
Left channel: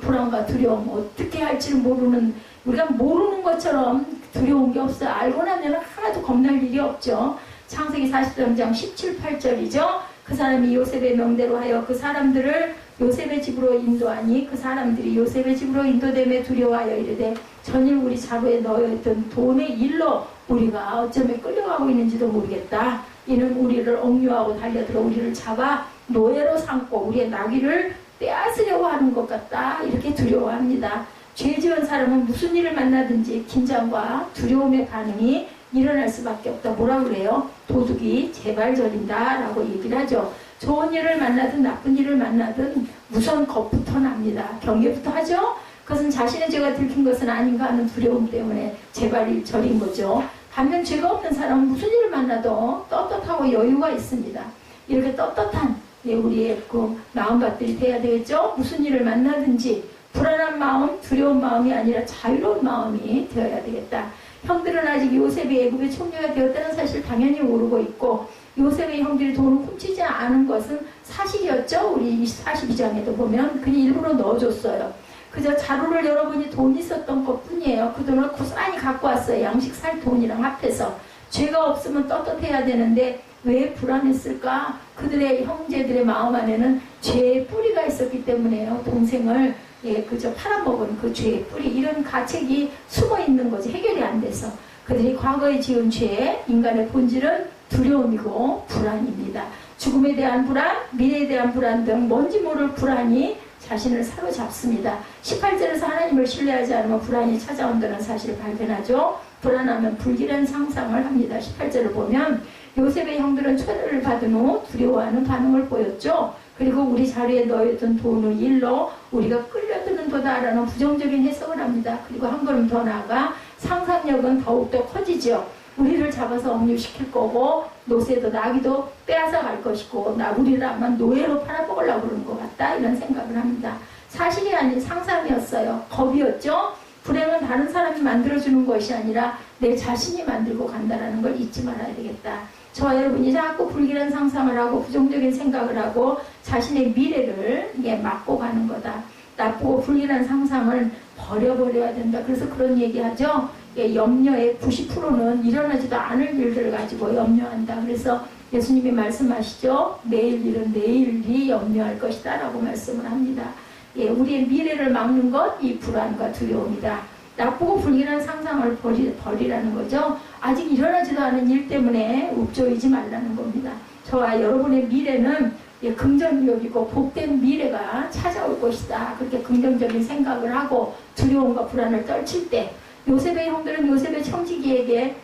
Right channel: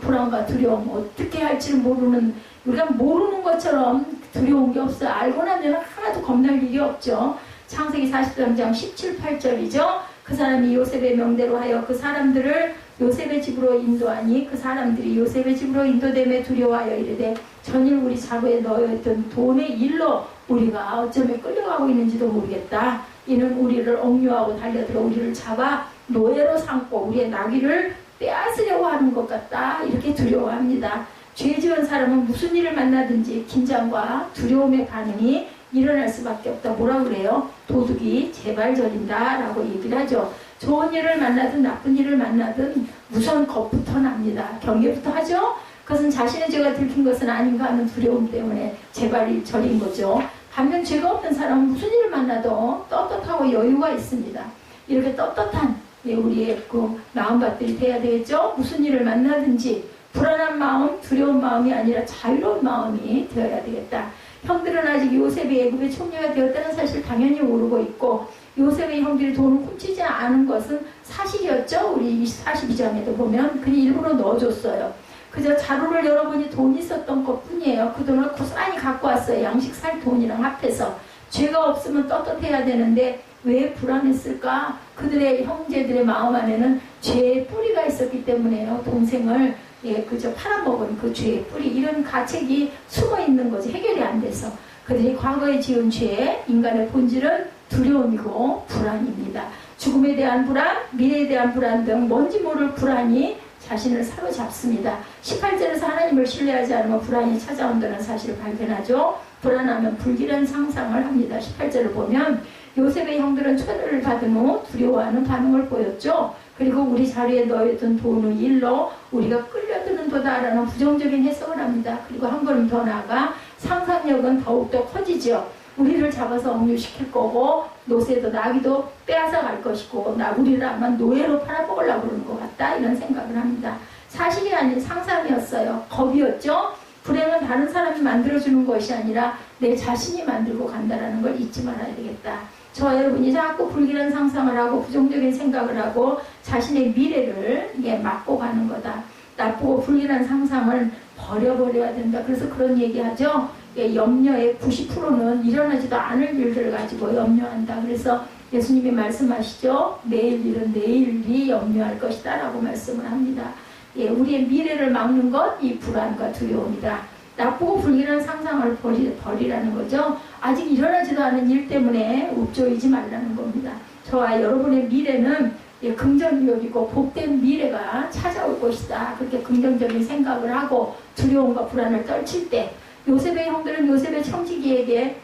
불안과 두려움, 어떻게 할지를 모르는, 우리가 모르는 것처럼 두려운 게 없어요. 알고 나면 하나도 겁날 일이 없죠. 창세기 43장 17, 8절이죠. 그 사람이 요셉의 명대로 하여 그 사람들을 요셉의 집으로 인도하니 그 사람들이 요셉의 집으로 인도됨에 두려워하여 이르되 전일 우리 자루에 넣어있던 돈의 일로 우리가 어쩌면 끌려가고 있는지도 모르겠다. 이는 우리를 억류하고 달려들어 우리를 잡아 노예로 삼고 우리의 나귀를 빼앗으려고 하는 것 같다. 이렇게 두려워합니다. 죄 지은 사람은 무슨 일을 만나든지 긴장과 두려움의 반응이 일어날 수밖에 없다. 뭐라 그래요? 도둑이 제발 저린다 라고 얘기를 하죠. 좋은 일을 만나든 나쁜 일을 만나든 우선 겁부터 납니다. 경계부터 하죠. 그것은 자신의 죄가 들킨 것은 아닌가 하는 두려움 때문에 제발 저린 거죠. 반면 죄가 없는 사람은 무슨 일을 만나도 떳떳하고 여유가 있습니다. 이렇게 떳떳한 우리의 그 마음밭들이 돼야 되겠죠. 무슨 일을 만나든지 불안한 마음, 두려운 마음이 아니라 자유로운 마음이 되어야 되겠다. 형들은 아직 요셉이 애굽의 총리가 되었다는 사실 당연히 모르고 있고 요셉의 형들이 돈을 훔치지 않은 것은 사실이었죠. 우리 42장에도 보면 그냥 일부러 넣어줬어요. 그저 자루를 열어보니 돈이 있었던 것 뿐이에요. 그 돈을 고스란히 갖고 왔어요. 양식 살 돈이랑 합해서. 죄가 없으면 떳떳해야 되는데 왜 불안했을까? 그들의 형제들의 마음 안에는 죄의 뿌리가 있었기 때문에요. 동생을 그저 팔아먹은 그 죄의 뿌리, 이런 가책이 숨어 있는 거지. 해결이 안 돼서. 그들이 과거에 지은 죄, 인간의 본질은 두려움이고 불안입니다. 죽음에 대한 불안, 미래에 대한 불안 등 뭔지 모를 불안이 자신을 사로잡습니다. 18절에서 하나님을 신뢰하지 않으면 불안이 찾아온다는 사실을 발견하죠. 불안하면 불길한 상상을 합니다. 18절을 보면 요셉의 형들은 초대를 받은 후 두려워하는 반응을 보였죠. 그리고 우리 자리에 넣어있던 돈의 일로 우리가 끌려드는 도다라는 부정적인 해석을 합니다. 그리고 한 걸음 더 나아가 상상력은 더욱더 커지죠. 우리를 잡아서 억류시킬 거고 노새도 나귀도 빼앗아 갈 것이고 우리를 아마 노예로 팔아먹으려고 그러는 것 같다, 이런 생각을 합니다. 사실이 아닌 상상이었어요. 겁이었죠. 불행은 다른 사람이 만들어주는 것이 아니라 내 자신이 만들고 간다는 걸 잊지 말아야 되겠다. 저와 여러분이 자꾸 불길한 상상을 하고 부정적인 생각을 하고 자신의 미래를 막고 가는 거다. 나쁘고 불길한 상상을 버려버려야 된다. 그래서 그런 얘기하죠. 염려의 90%는 일어나지도 않을 일들을 가지고 염려한다. 그래서 예수님이 말씀하시죠. 내일 일은 내일이 염려할 것이다 라고 말씀을 합니다. 우리의 미래를 막는 것, 이 불안과 두려움이다. 나쁘고 불길한 상상을 버리라는 거죠. 아직 일어나지도 않은 일 때문에 욱조이지 말라는 겁니다. 저와 여러분의 미래는 긍정적이고 복된 미래가 찾아올 것이다. 그렇게 긍정적인 생각을 하고 두려움과 불안을 떨칠 때 요셉의 형들은 요셉의 청지기에게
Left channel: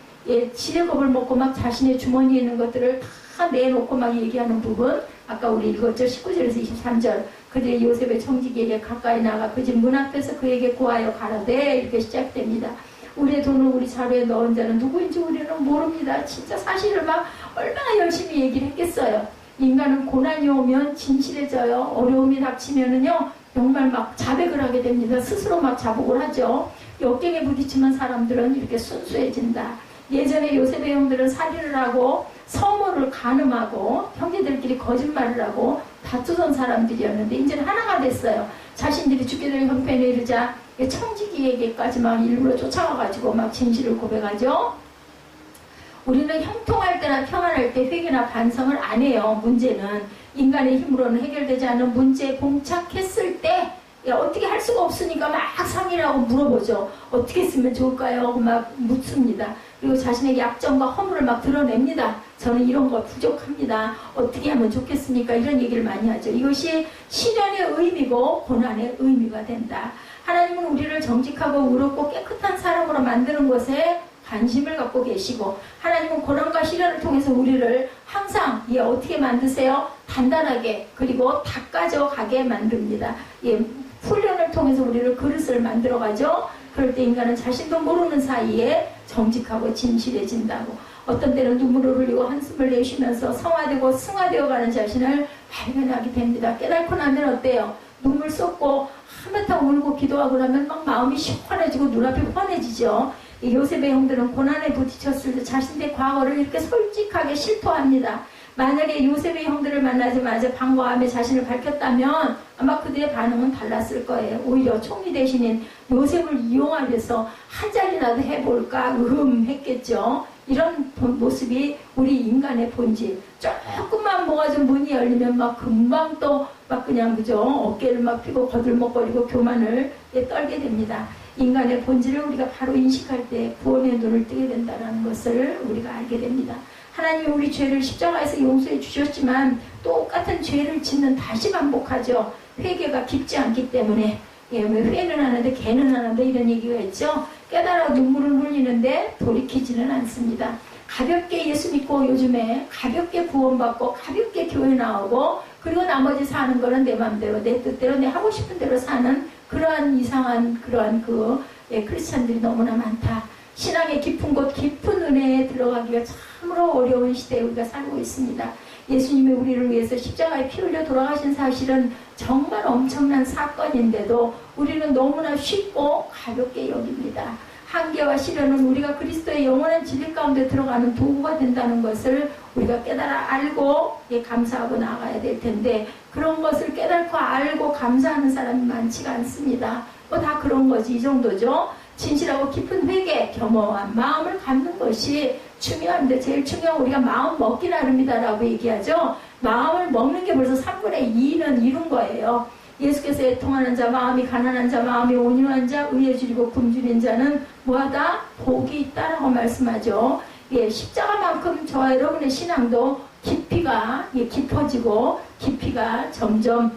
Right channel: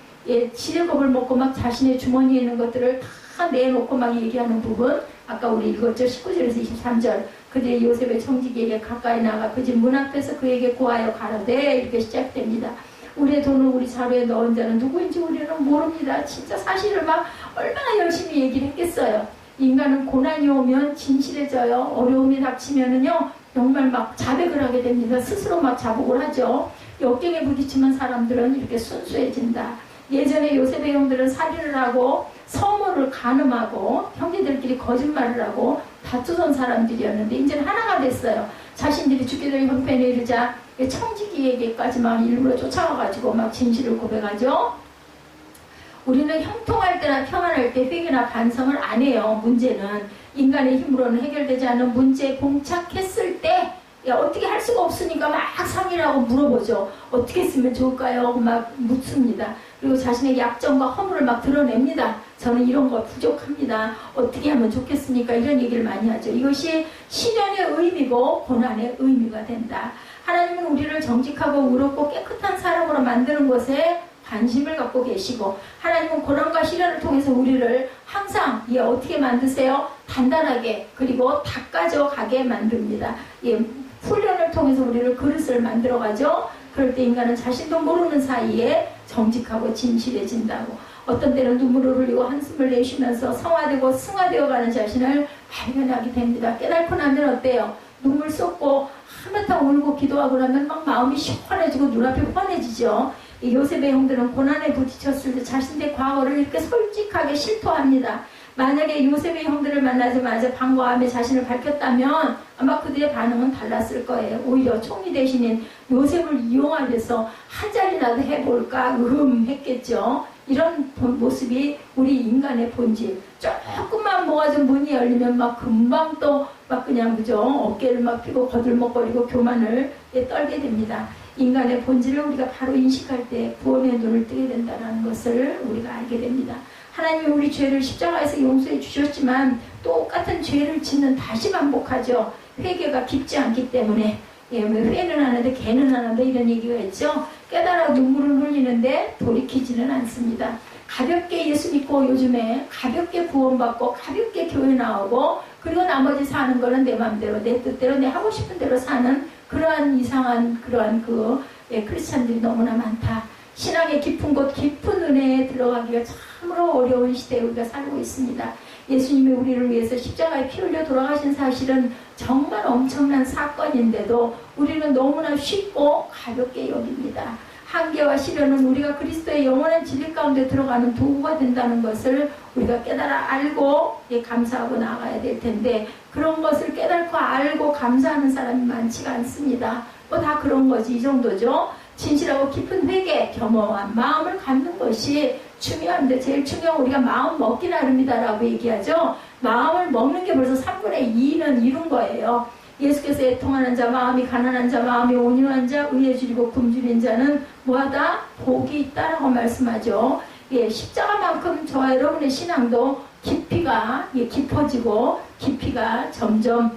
지뢰겁을 먹고 막 자신의 주머니에 있는 것들을 다 내놓고 막 얘기하는 부분, 아까 우리 읽었죠. 19절에서 23절. 그들이 요셉의 청지기에게 가까이 나가 그 집 문 앞에서 그에게 고하여 가라되, 이렇게 시작됩니다. 우리의 돈을 우리 자루에 넣은 자는 누구인지 우리는 모릅니다. 진짜 사실을 막 얼마나 열심히 얘기를 했겠어요. 인간은 고난이 오면 진실해져요. 어려움이 닥치면은요 정말 막 자백을 하게 됩니다. 스스로 막 자복을 하죠. 역경에 부딪히는 사람들은 이렇게 순수해진다. 예전에 요셉의 형들은 살인을 하고 서모를 간음하고 형제들끼리 거짓말을 하고 다투던 사람들이었는데 이제는 하나가 됐어요. 자신들이 죽게 될 형편에 이르자 청지기에게까지만 일부러 쫓아와가지고 막 진실을 고백하죠. 우리는 형통할 때나 평안할 때 회개나 반성을 안 해요. 문제는 인간의 힘으로는 해결되지 않는 문제에 봉착했을 때 어떻게 할 수가 없으니까 막 상의를 하고 물어보죠. 어떻게 했으면 좋을까요? 막 묻습니다. 그리고 자신의 약점과 허물을 막 드러냅니다. 저는 이런 거 부족합니다. 어떻게 하면 좋겠습니까? 이런 얘기를 많이 하죠. 이것이 시련의 의미고 고난의 의미가 된다. 하나님은 우리를 정직하고 의롭고 깨끗한 사람으로 만드는 것에 관심을 갖고 계시고, 하나님은 고난과 시련을 통해서 우리를 항상 어떻게 만드세요? 단단하게, 그리고 닦아져 가게 만듭니다. 훈련을 통해서 우리를 그릇을 만들어가죠. 그럴 때 인간은 자신도 모르는 사이에 정직하고 진실해진다고. 어떤 때는 눈물을 흘리고 한숨을 내쉬면서 성화되고 승화되어가는 자신을 발견하게 됩니다. 깨닫고 나면 어때요? 눈물 쏟고 한바탕 울고 기도하고 나면 막 마음이 시원해지고 눈앞이 환해지죠. 이 요셉의 형들은 고난에 부딪혔을 때 자신의 과거를 이렇게 솔직하게 실토합니다. 만약에 요셉의 형들을 만나자마자 방과함에 자신을 밝혔다면 아마 그들의 반응은 달랐을 거예요. 오히려 총리 대신인 요셉을 이용하면서 한 자리라도 해볼까 했겠죠. 이런 모습이 우리 인간의 본질. 조금만 뭐가 좀 문이 열리면 막 금방 또 막 그냥 그죠? 어깨를 막 펴고 거들먹거리고 교만을 떨게 됩니다. 인간의 본질을 우리가 바로 인식할 때 구원의 눈을 뜨게 된다는 것을 우리가 알게 됩니다. 하나님이 우리 죄를 십자가에서 용서해 주셨지만 똑같은 죄를 짓는 다시 반복하죠. 회개가 깊지 않기 때문에. 회는 하는데 개는 안 한다 이런 얘기가 있죠. 깨달아 눈물을 흘리는데 돌이키지는 않습니다. 가볍게 예수 믿고 요즘에 가볍게 구원받고 가볍게 교회 나오고 그리고 나머지 사는 거는 내 마음대로 내 뜻대로 내 하고 싶은 대로 사는 그러한 이상한 그러한 크리스찬들이 너무나 많다. 신앙의 깊은 곳 깊은 은혜에 들어가기가 참으로 어려운 시대에 우리가 살고 있습니다. 예수님이 우리를 위해서 십자가에 피 흘려 돌아가신 사실은 정말 엄청난 사건인데도 우리는 너무나 쉽고 가볍게 여깁니다. 한계와 시련은 우리가 그리스도의 영원한 진리 가운데 들어가는 도구가 된다는 것을 우리가 깨달아 알고 감사하고 나아가야 될 텐데 그런 것을 깨닫고 알고 감사하는 사람이 많지가 않습니다. 뭐 다 그런 거지 이 정도죠. 진실하고 깊은 회개, 겸허한 마음을 갖는 것이 중요한데 제일 중요한 우리가 마음 먹기 나름이다라고 얘기하죠. 마음을 먹는 게 벌써 3분의 2는 이룬 거예요. 예수께서 애통하는 자, 마음이 가난한 자, 마음이 온유한 자, 의에 줄이고 굶주린 자는 뭐하다? 복이 있다라고 말씀하죠. 십자가만큼 저와 여러분의 신앙도 깊이가 깊어지고 깊이가 점점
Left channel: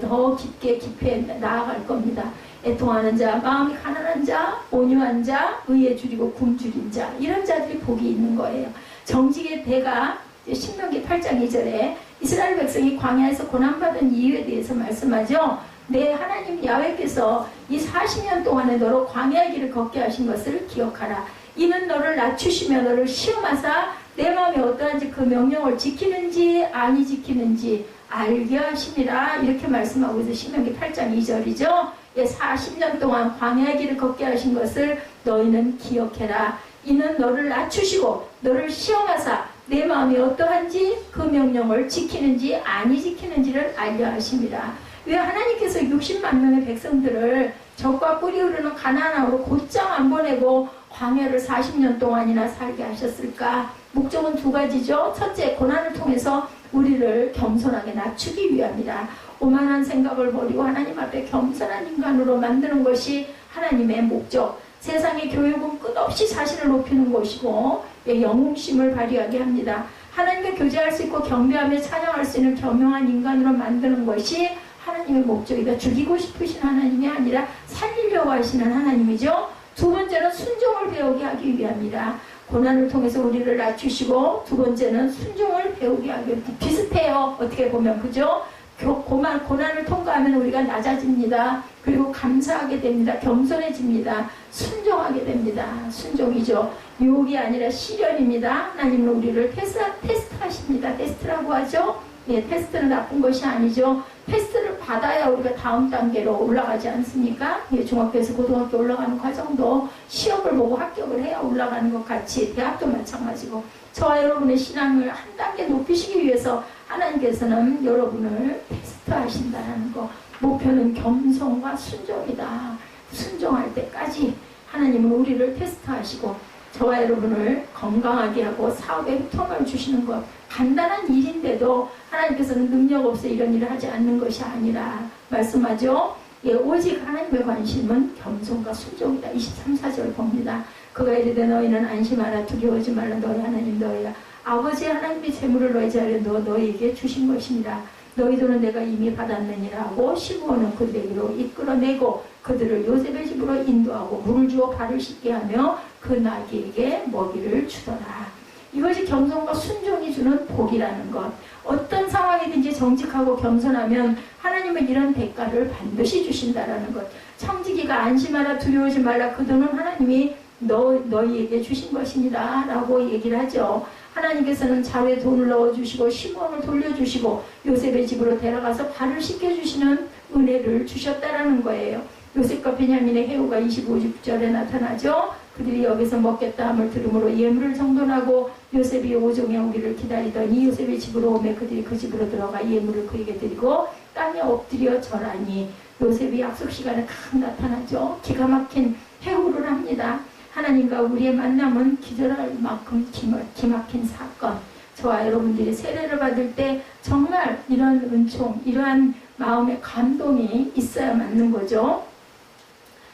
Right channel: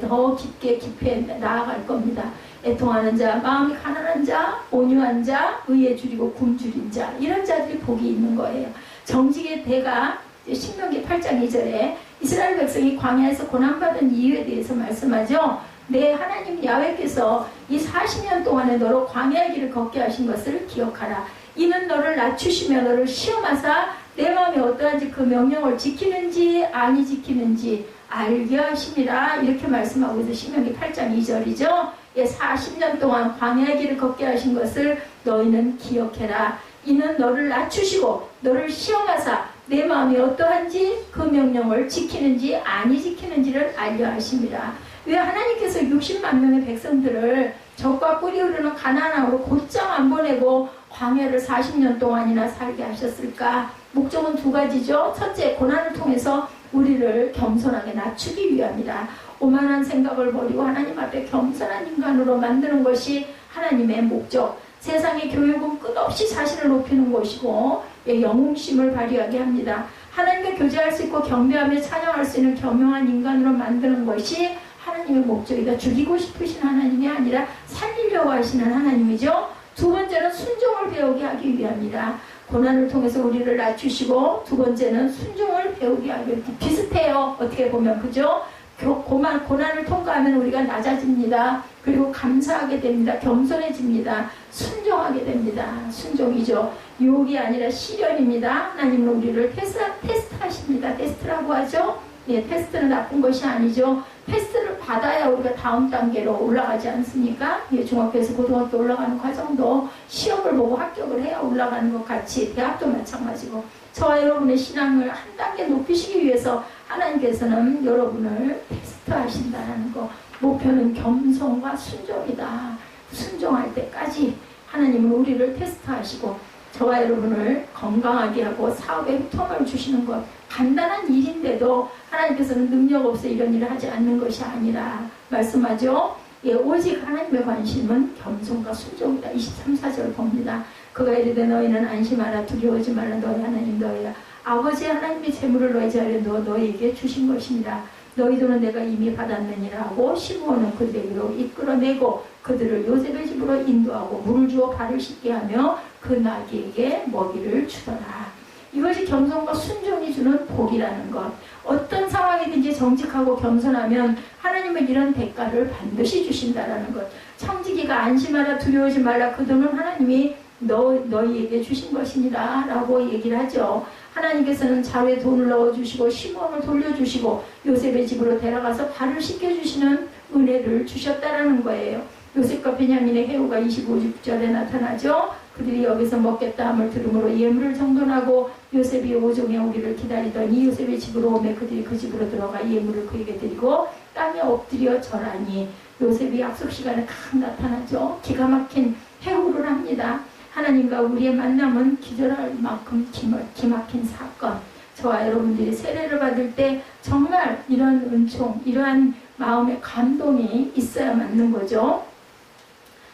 더 깊게 나아갈 겁니다. 애통하는 자, 마음이 가난한 자, 온유한 자, 의에 줄이고 굶주린 자 이런 자들이 복이 있는 거예요. 정직의 대가 신명기 8장 2절에 이스라엘 백성이 광야에서 고난받은 이유에 대해서 말씀하죠. 내 하나님 야훼께서 이 40년 동안에 너로 광야의 길을 걷게 하신 것을 기억하라. 이는 너를 낮추시며 너를 시험하사 내 마음이 어떠한지 그 명령을 지키는지 아니 지키는지 알게 하심이라 이렇게 말씀하고 있어요. 신명기 8장 2절이죠. 40년 동안 광야의 길을 걷게 하신 것을 너희는 기억해라. 이는 너를 낮추시고 너를 시험하사 내 마음이 어떠한지 그 명령을 지키는지 아니 지키는지를 알려 하심이라. 왜 하나님께서 60만 명의 백성들을 적과 꿀이 흐르는 가나안으로 곧장 안 보내고 광야를 40년 동안이나 살게 하셨을까? 목적은 두 가지죠. 첫째, 고난을 통해서 우리를 겸손하게 낮추기 위함이라. 오만한 생각을 버리고 하나님 앞에 겸손한 인간으로 만드는 것이 하나님의 목적. 세상의 교육은 끝없이 자신을 높이는 것이고 영웅심을 발휘하게 합니다. 하나님과 교제할 수 있고 경배하며 찬양할 수 있는 겸허한 인간으로 만드는 것이 하나님의 목적이다. 죽이고 싶으신 하나님이 아니라 살리려고 하시는 하나님이죠. 두 번째는 순종을 배우게 하기 위함이다. 고난을 통해서 우리를 낮추시고 두 번째는 순종을 배우게 하기 위해 비슷해요. 어떻게 보면 그죠? 고난을 통과하면 우리가 낮아집니다. 그리고 감사하게 됩니다. 겸손해집니다. 순종하게 됩니다. 순종이죠. 유혹이 아니라 시련입니다. 하나님은 우리를 테스트하십니다. 테스트라고 하죠. 테스트는 나쁜 것이 아니죠. 테스트를 받아야 우리가 다음 단계로 올라가지 않습니까? 중학교에서 고등학교 올라가는 과정도 시험을 보고 합격을 해야 올라가는 것 같이 대학도 마찬가지고 저와 여러분의 신앙을 한 단계 높이시기 위해서 하나님께서는 여러분을 테스트하신다는 거. 목표는 겸손과 순종이다. 순종할 때까지 하나님은 우리를 테스트하시고 저와 여러분을 건강하게 하고 사업에 흠통을 주시는 것. 간단한 일인데도 하나님께서는 능력 없어 이런 일을 하지 않는 것이 아니라 말씀하죠. 오직 하나님의 관심은 겸손과 순종이다. 23, 4절 봅니다. 그가 이르되 너희는 안심하라 두려워하지 말라 너희 하나님 너희야. 아버지 하나님의 재물을 너희 자리에 너희에게 주신 것입니다. 너희 돈은 내가 이미 받았느니라 하고 시므온은 그들에게로 이끌어내고 그들을 요셉의 집으로 인도하고 물을 주어 발을 씻게 하며 그 나귀에게 먹이를 주더라. 이것이 겸손과 순종이 주는 복이라는 것. 어떤 상황이든지 정직하고 겸손하면 하나님 하나님은 이런 대가를 반드시 주신다라는 것. 청지기가 안심하라 두려워하지 말라 그 돈은 하나님이 너희에게 주신 것이니라 라고 얘기를 하죠. 하나님께서는 자루에 돈을 넣어주시고 시몬을 돌려주시고 요셉의 집으로 데려가서 발을 씻겨주시는 은혜를 주셨다라는 거예요. 요셉과 베냐민의 해후가 25절에 나타나죠. 그들이 여기서 먹겠다 함을 들음으로 예물을 정돈하고 요셉이 오종에 오기를 기다리더니 요셉의 집으로 오매 그들이 그 집으로 들어가 예물을 그에게 드리고 땅에 엎드려 절하니 요셉이 약속 시간에 각 나타나죠. 기가 막힌 해후를 합니다. 하나님과 우리의 만남은 기절할 만큼 기막힌 사건. 저와 여러분들이 세례를 받을 때 정말 이런 은총, 이러한 마음의 감동이 있어야 맞는 거죠.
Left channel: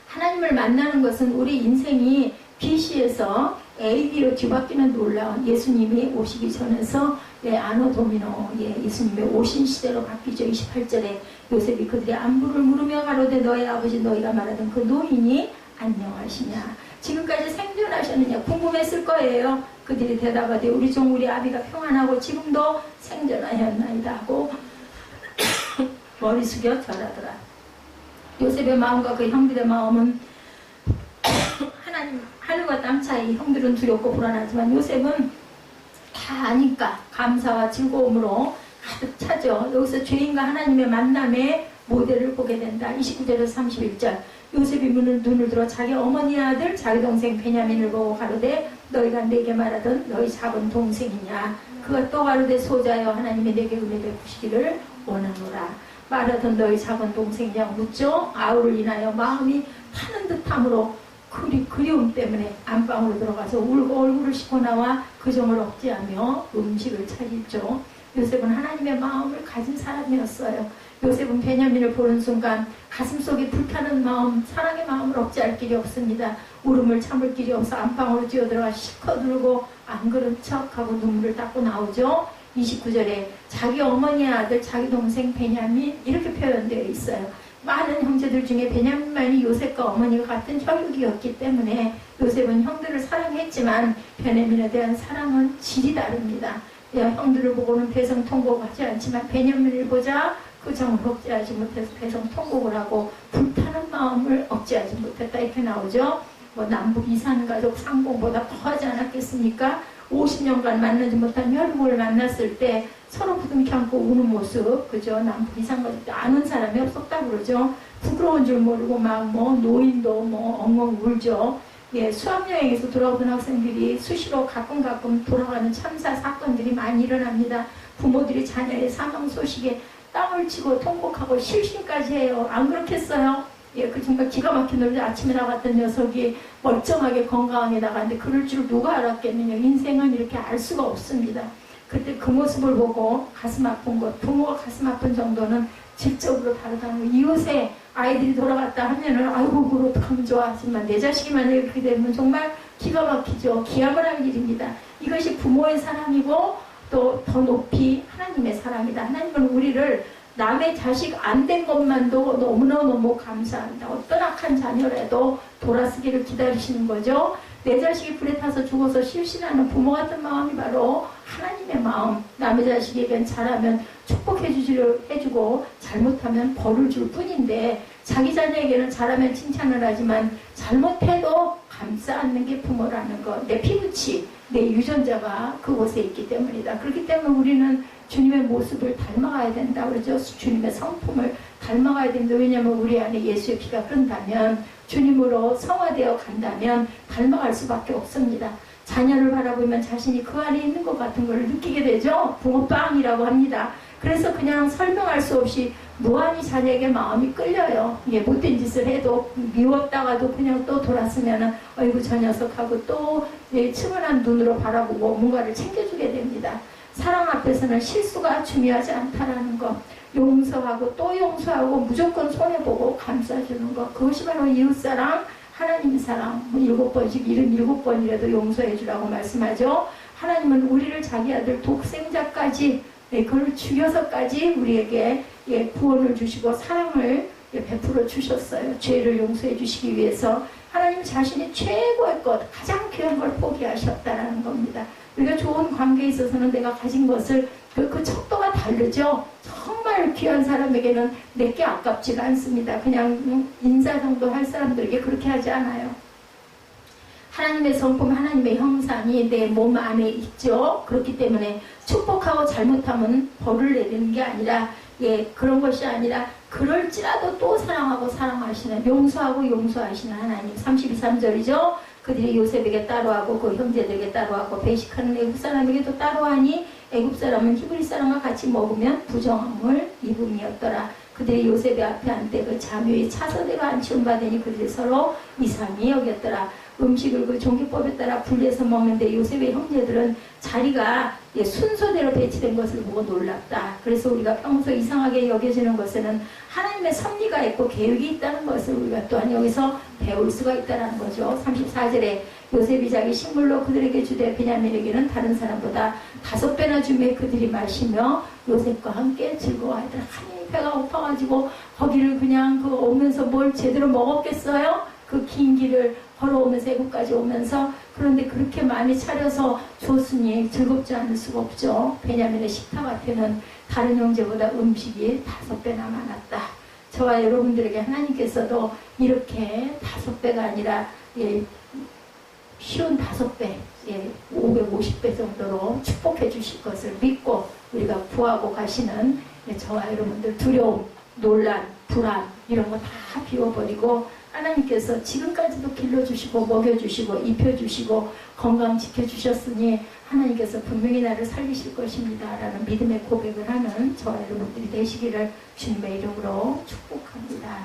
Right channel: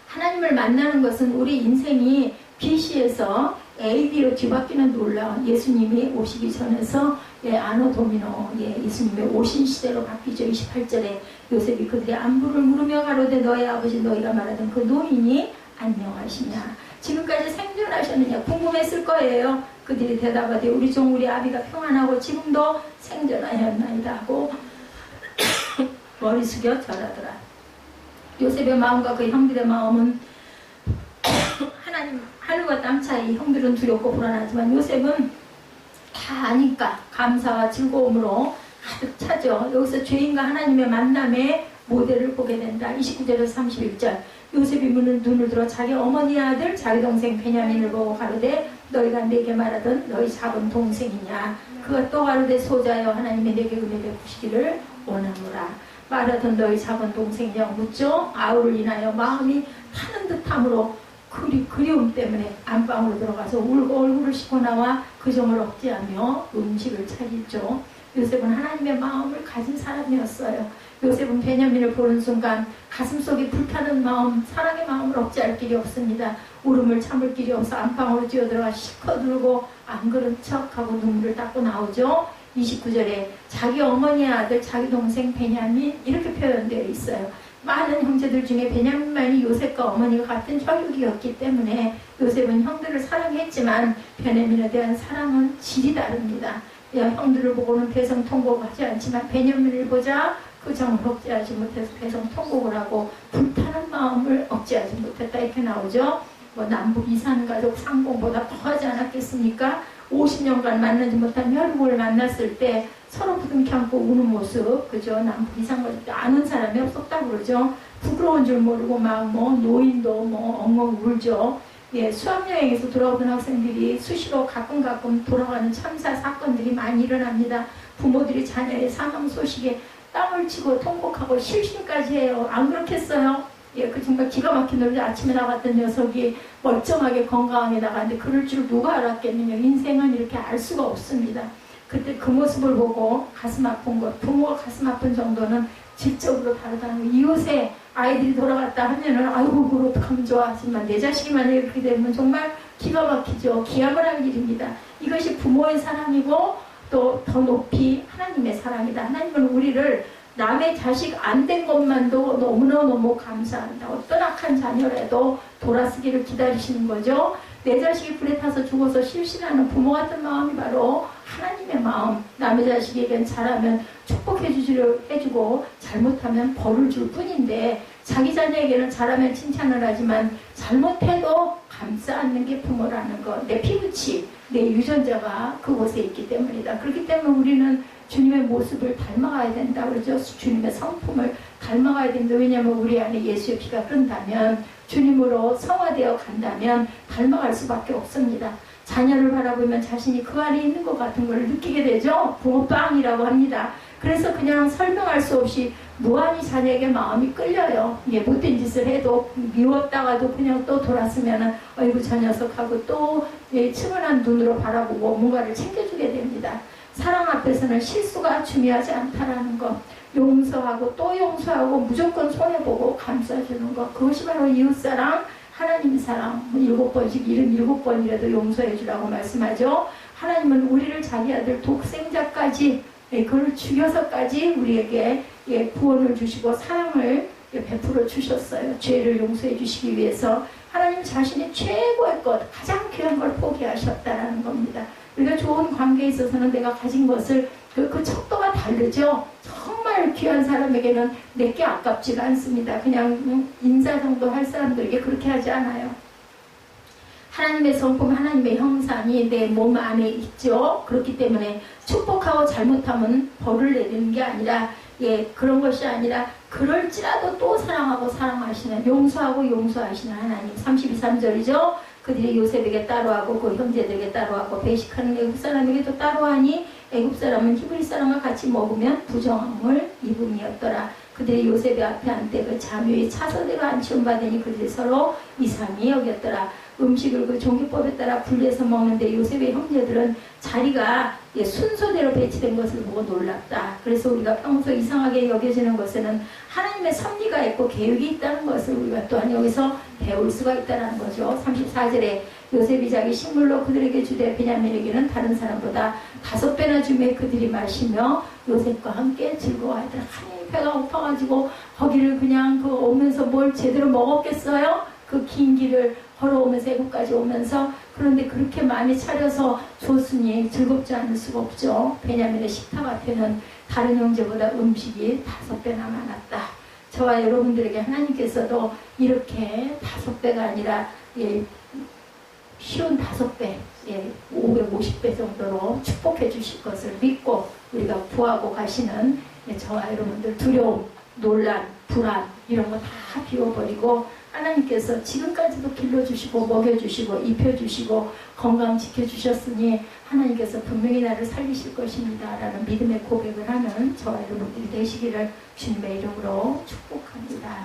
하나님을 만나는 것은 우리 인생이 BC에서 AD로 뒤바뀌는 놀라운 예수님이 오시기 전에서 아노 도미노 예수님의 오신 시대로 바뀌죠. 28절에 요셉이 그들의 안부를 물으며 가로되 너희 아버지 너희가 말하던 그 노인이 안녕하시냐 지금까지 생존하셨느냐 궁금했을 거예요. 그들이 대답하되 우리 종 우리 아비가 평안하고 지금도 생존하였나이다 하고 머리 숙여 절하더라. 요셉의 마음과 그 형들의 마음은 하나님 하늘과 땅 차이. 형들은 두렵고 불안하지만 요셉은 다 아니까 감사와 즐거움으로 가득 차죠. 여기서 죄인과 하나님의 만남의 모델을 보게 된다. 29절에서 31절 요셉이 눈을 들어 자기 어머니의 아들 자기 동생 베냐민을 보고 가로되 너희가 내게 말하던 너희 작은 동생이냐 그가 또 가로되 소자여 하나님이 내게 은혜 베푸시기를 원하노라. 말하던 너희 작은 동생이냐고 묻죠. 아우를 인하여 마음이 타는 듯함으로 그리움 때문에 안방으로 들어가서 울고 얼굴을 씻고 나와 그 정을 억제하며 음식을 차리죠. 요셉은 하나님의 마음을 가진 사람이었어요. 요셉은 베냐민을 보는 순간 가슴속에 불타는 마음, 사랑의 마음을 억제할 길이 없습니다. 울음을 참을 길이 없어 안방으로 뛰어들어가 실컷 울고 안 그런 척하고 눈물을 닦고 나오죠. 29절에 자기 어머니의 아들 자기 동생 베냐민 이렇게 표현되어 있어요. 많은 형제들 중에 베냐민만이 요셉과 어머니가 같은 혈육이었기 때문에 요셉은 형들을 사랑했지만 베냐민에 대한 사랑은 질이 다릅니다. 형들을 보고는 배성 통곡을 하지 않지만 베냐민을 보자 그 정을 억제하지 못해서 배성 통곡을 하고 불타는 마음을 억제하지 못했다 이렇게 나오죠. 남북 이산 가족 상봉보다 더하지 않았겠습니까? 50년간 만나지 못한 혈육을 만났을 때 서로 부둥켜 안고 우는 모습, 그죠? 남북 이산 가족 때 아는 사람이 없었다 그러죠. 부끄러운 줄 모르고 막 노인도 엉엉 울죠. 수학여행에서 돌아오던 학생들이 수시로 가끔 돌아가는 참사 사건들이 많이 일어납니다. 부모들이 자녀의 사망 소식에 땀을 치고 통곡하고 실신까지 해요. 안 그렇겠어요? 그 정말 기가 막힌 놈이 아침에 나갔던 녀석이 멀쩡하게 건강하게 나갔는데 그럴 줄 누가 알았겠느냐. 인생은 이렇게 알 수가 없습니다. 그때 그 모습을 보고 가슴 아픈 것, 부모가 가슴 아픈 정도는 질적으로 다르다는 거. 이웃에 아이들이 돌아갔다 하면은 아이고 그걸 어떡하면 좋아 하지만 내 자식이 만약에 그렇게 되면 정말 기가 막히죠. 기함을 할 일입니다. 이것이 부모의 사랑이고 또 더 높이 하나님의 사랑이다. 하나님은 우리를 남의 자식 안 된 것만도 너무너무 감사합니다. 어떤 악한 자녀라도 돌아서기를 기다리시는 거죠. 내 자식이 불에 타서 죽어서 실신하는 부모 같은 마음이 바로 하나님의 마음. 남의 자식에겐 잘하면 축복해주고 잘못하면 벌을 줄 뿐인데 자기 자녀에게는 잘하면 칭찬을 하지만 잘못해도 감싸 안는 게 부모라는 것. 내 피부치, 내 유전자가 그곳에 있기 때문이다. 그렇기 때문에 우리는 주님의 모습을 닮아가야 된다 그러죠. 주님의 성품을 닮아가야 된다. 왜냐하면 우리 안에 예수의 피가 흐른다면 주님으로 성화되어 간다면 닮아갈 수밖에 없습니다. 자녀를 바라보면 자신이 그 안에 있는 것 같은 걸 느끼게 되죠. 붕어빵이라고 합니다. 그래서 그냥 설명할 수 없이 무한히 자녀에게 마음이 끌려요. 못된 짓을 해도 미웠다가도 그냥 또 돌았으면 어이구 저 녀석하고 또 측은한 눈으로 바라보고 뭔가를 챙겨주게 됩니다. 사랑 앞에서는 실수가 중요하지 않다라는 것. 용서하고 또 용서하고 무조건 손해보고 감싸주는 것. 그것이 바로 이웃사랑, 하나님 사랑. 7번씩 77번이라도 용서해주라고 말씀하죠. 하나님은 우리를 자기 아들 독생자까지 그걸 죽여서까지 우리에게 구원을 주시고 사랑을 베풀어 주셨어요. 죄를 용서해 주시기 위해서 하나님 자신이 최고의 것, 가장 귀한 걸 포기하셨다라는 겁니다. 우리가 좋은 관계에 있어서는 내가 가진 것을 그 척도가 다르죠. 정말 정말 귀한 사람에게는 내게 아깝지가 않습니다. 그냥 인사 정도 할 사람들에게 그렇게 하지 않아요. 하나님의 성품, 하나님의 형상이 내 몸 안에 있죠. 그렇기 때문에 축복하고 잘못하면 벌을 내리는 게 아니라, 그런 것이 아니라, 그럴지라도 또 사랑하고 사랑하시는, 용서하고 용서하시는 하나님. 32, 3절이죠. 그들이 요셉에게 따로하고 그 형제들에게 따로하고 배식하는 애굽 사람에게도 따로하니 애굽 사람은 히브리 사람과 같이 먹으면 부정함을 입음이었더라. 그들이 요셉의 앞에 앉되 그 자묘의 차서대로 안치움 받으니 그들이 서로 이상히 여겼더라. 음식을 그 종기법에 따라 분리해서 먹는데 요셉의 형제들은 자리가 순서대로 배치된 것을 보고 놀랐다. 그래서 우리가 평소 이상하게 여겨지는 것에는 하나님의 섭리가 있고 계획이 있다는 것을 우리가 또한 여기서 배울 수가 있다는 거죠. 34절에 요셉이 자기 식물로 그들에게 주되 베냐민에게는 다른 사람보다 5배나 주매 그들이 마시며 요셉과 함께 즐거워하더라. 하나님 배가 고파가지고 거기를 그냥 오면서 뭘 제대로 먹었겠어요? 그 긴 길을 걸어오면서 애국까지 오면서. 그런데 그렇게 많이 차려서 줬으니 즐겁지 않을 수가 없죠. 베냐민의 식탁 앞에는 다른 형제보다 음식이 5배나 많았다. 저와 여러분들에게 하나님께서도 이렇게 5배가 아니라 쉬운 5배, 550배 정도로 축복해 주실 것을 믿고 우리가 구하고 가시는 저와 여러분들 두려움, 논란, 불안 이런 거 다 비워버리고 하나님께서 지금까지도 길러주시고 먹여주시고 입혀주시고 건강 지켜주셨으니 하나님께서 분명히 나를 살리실 것입니다 라는 믿음의 고백을 하는 저와 여러분들이 되시기를 주님의 이름으로 축복합니다.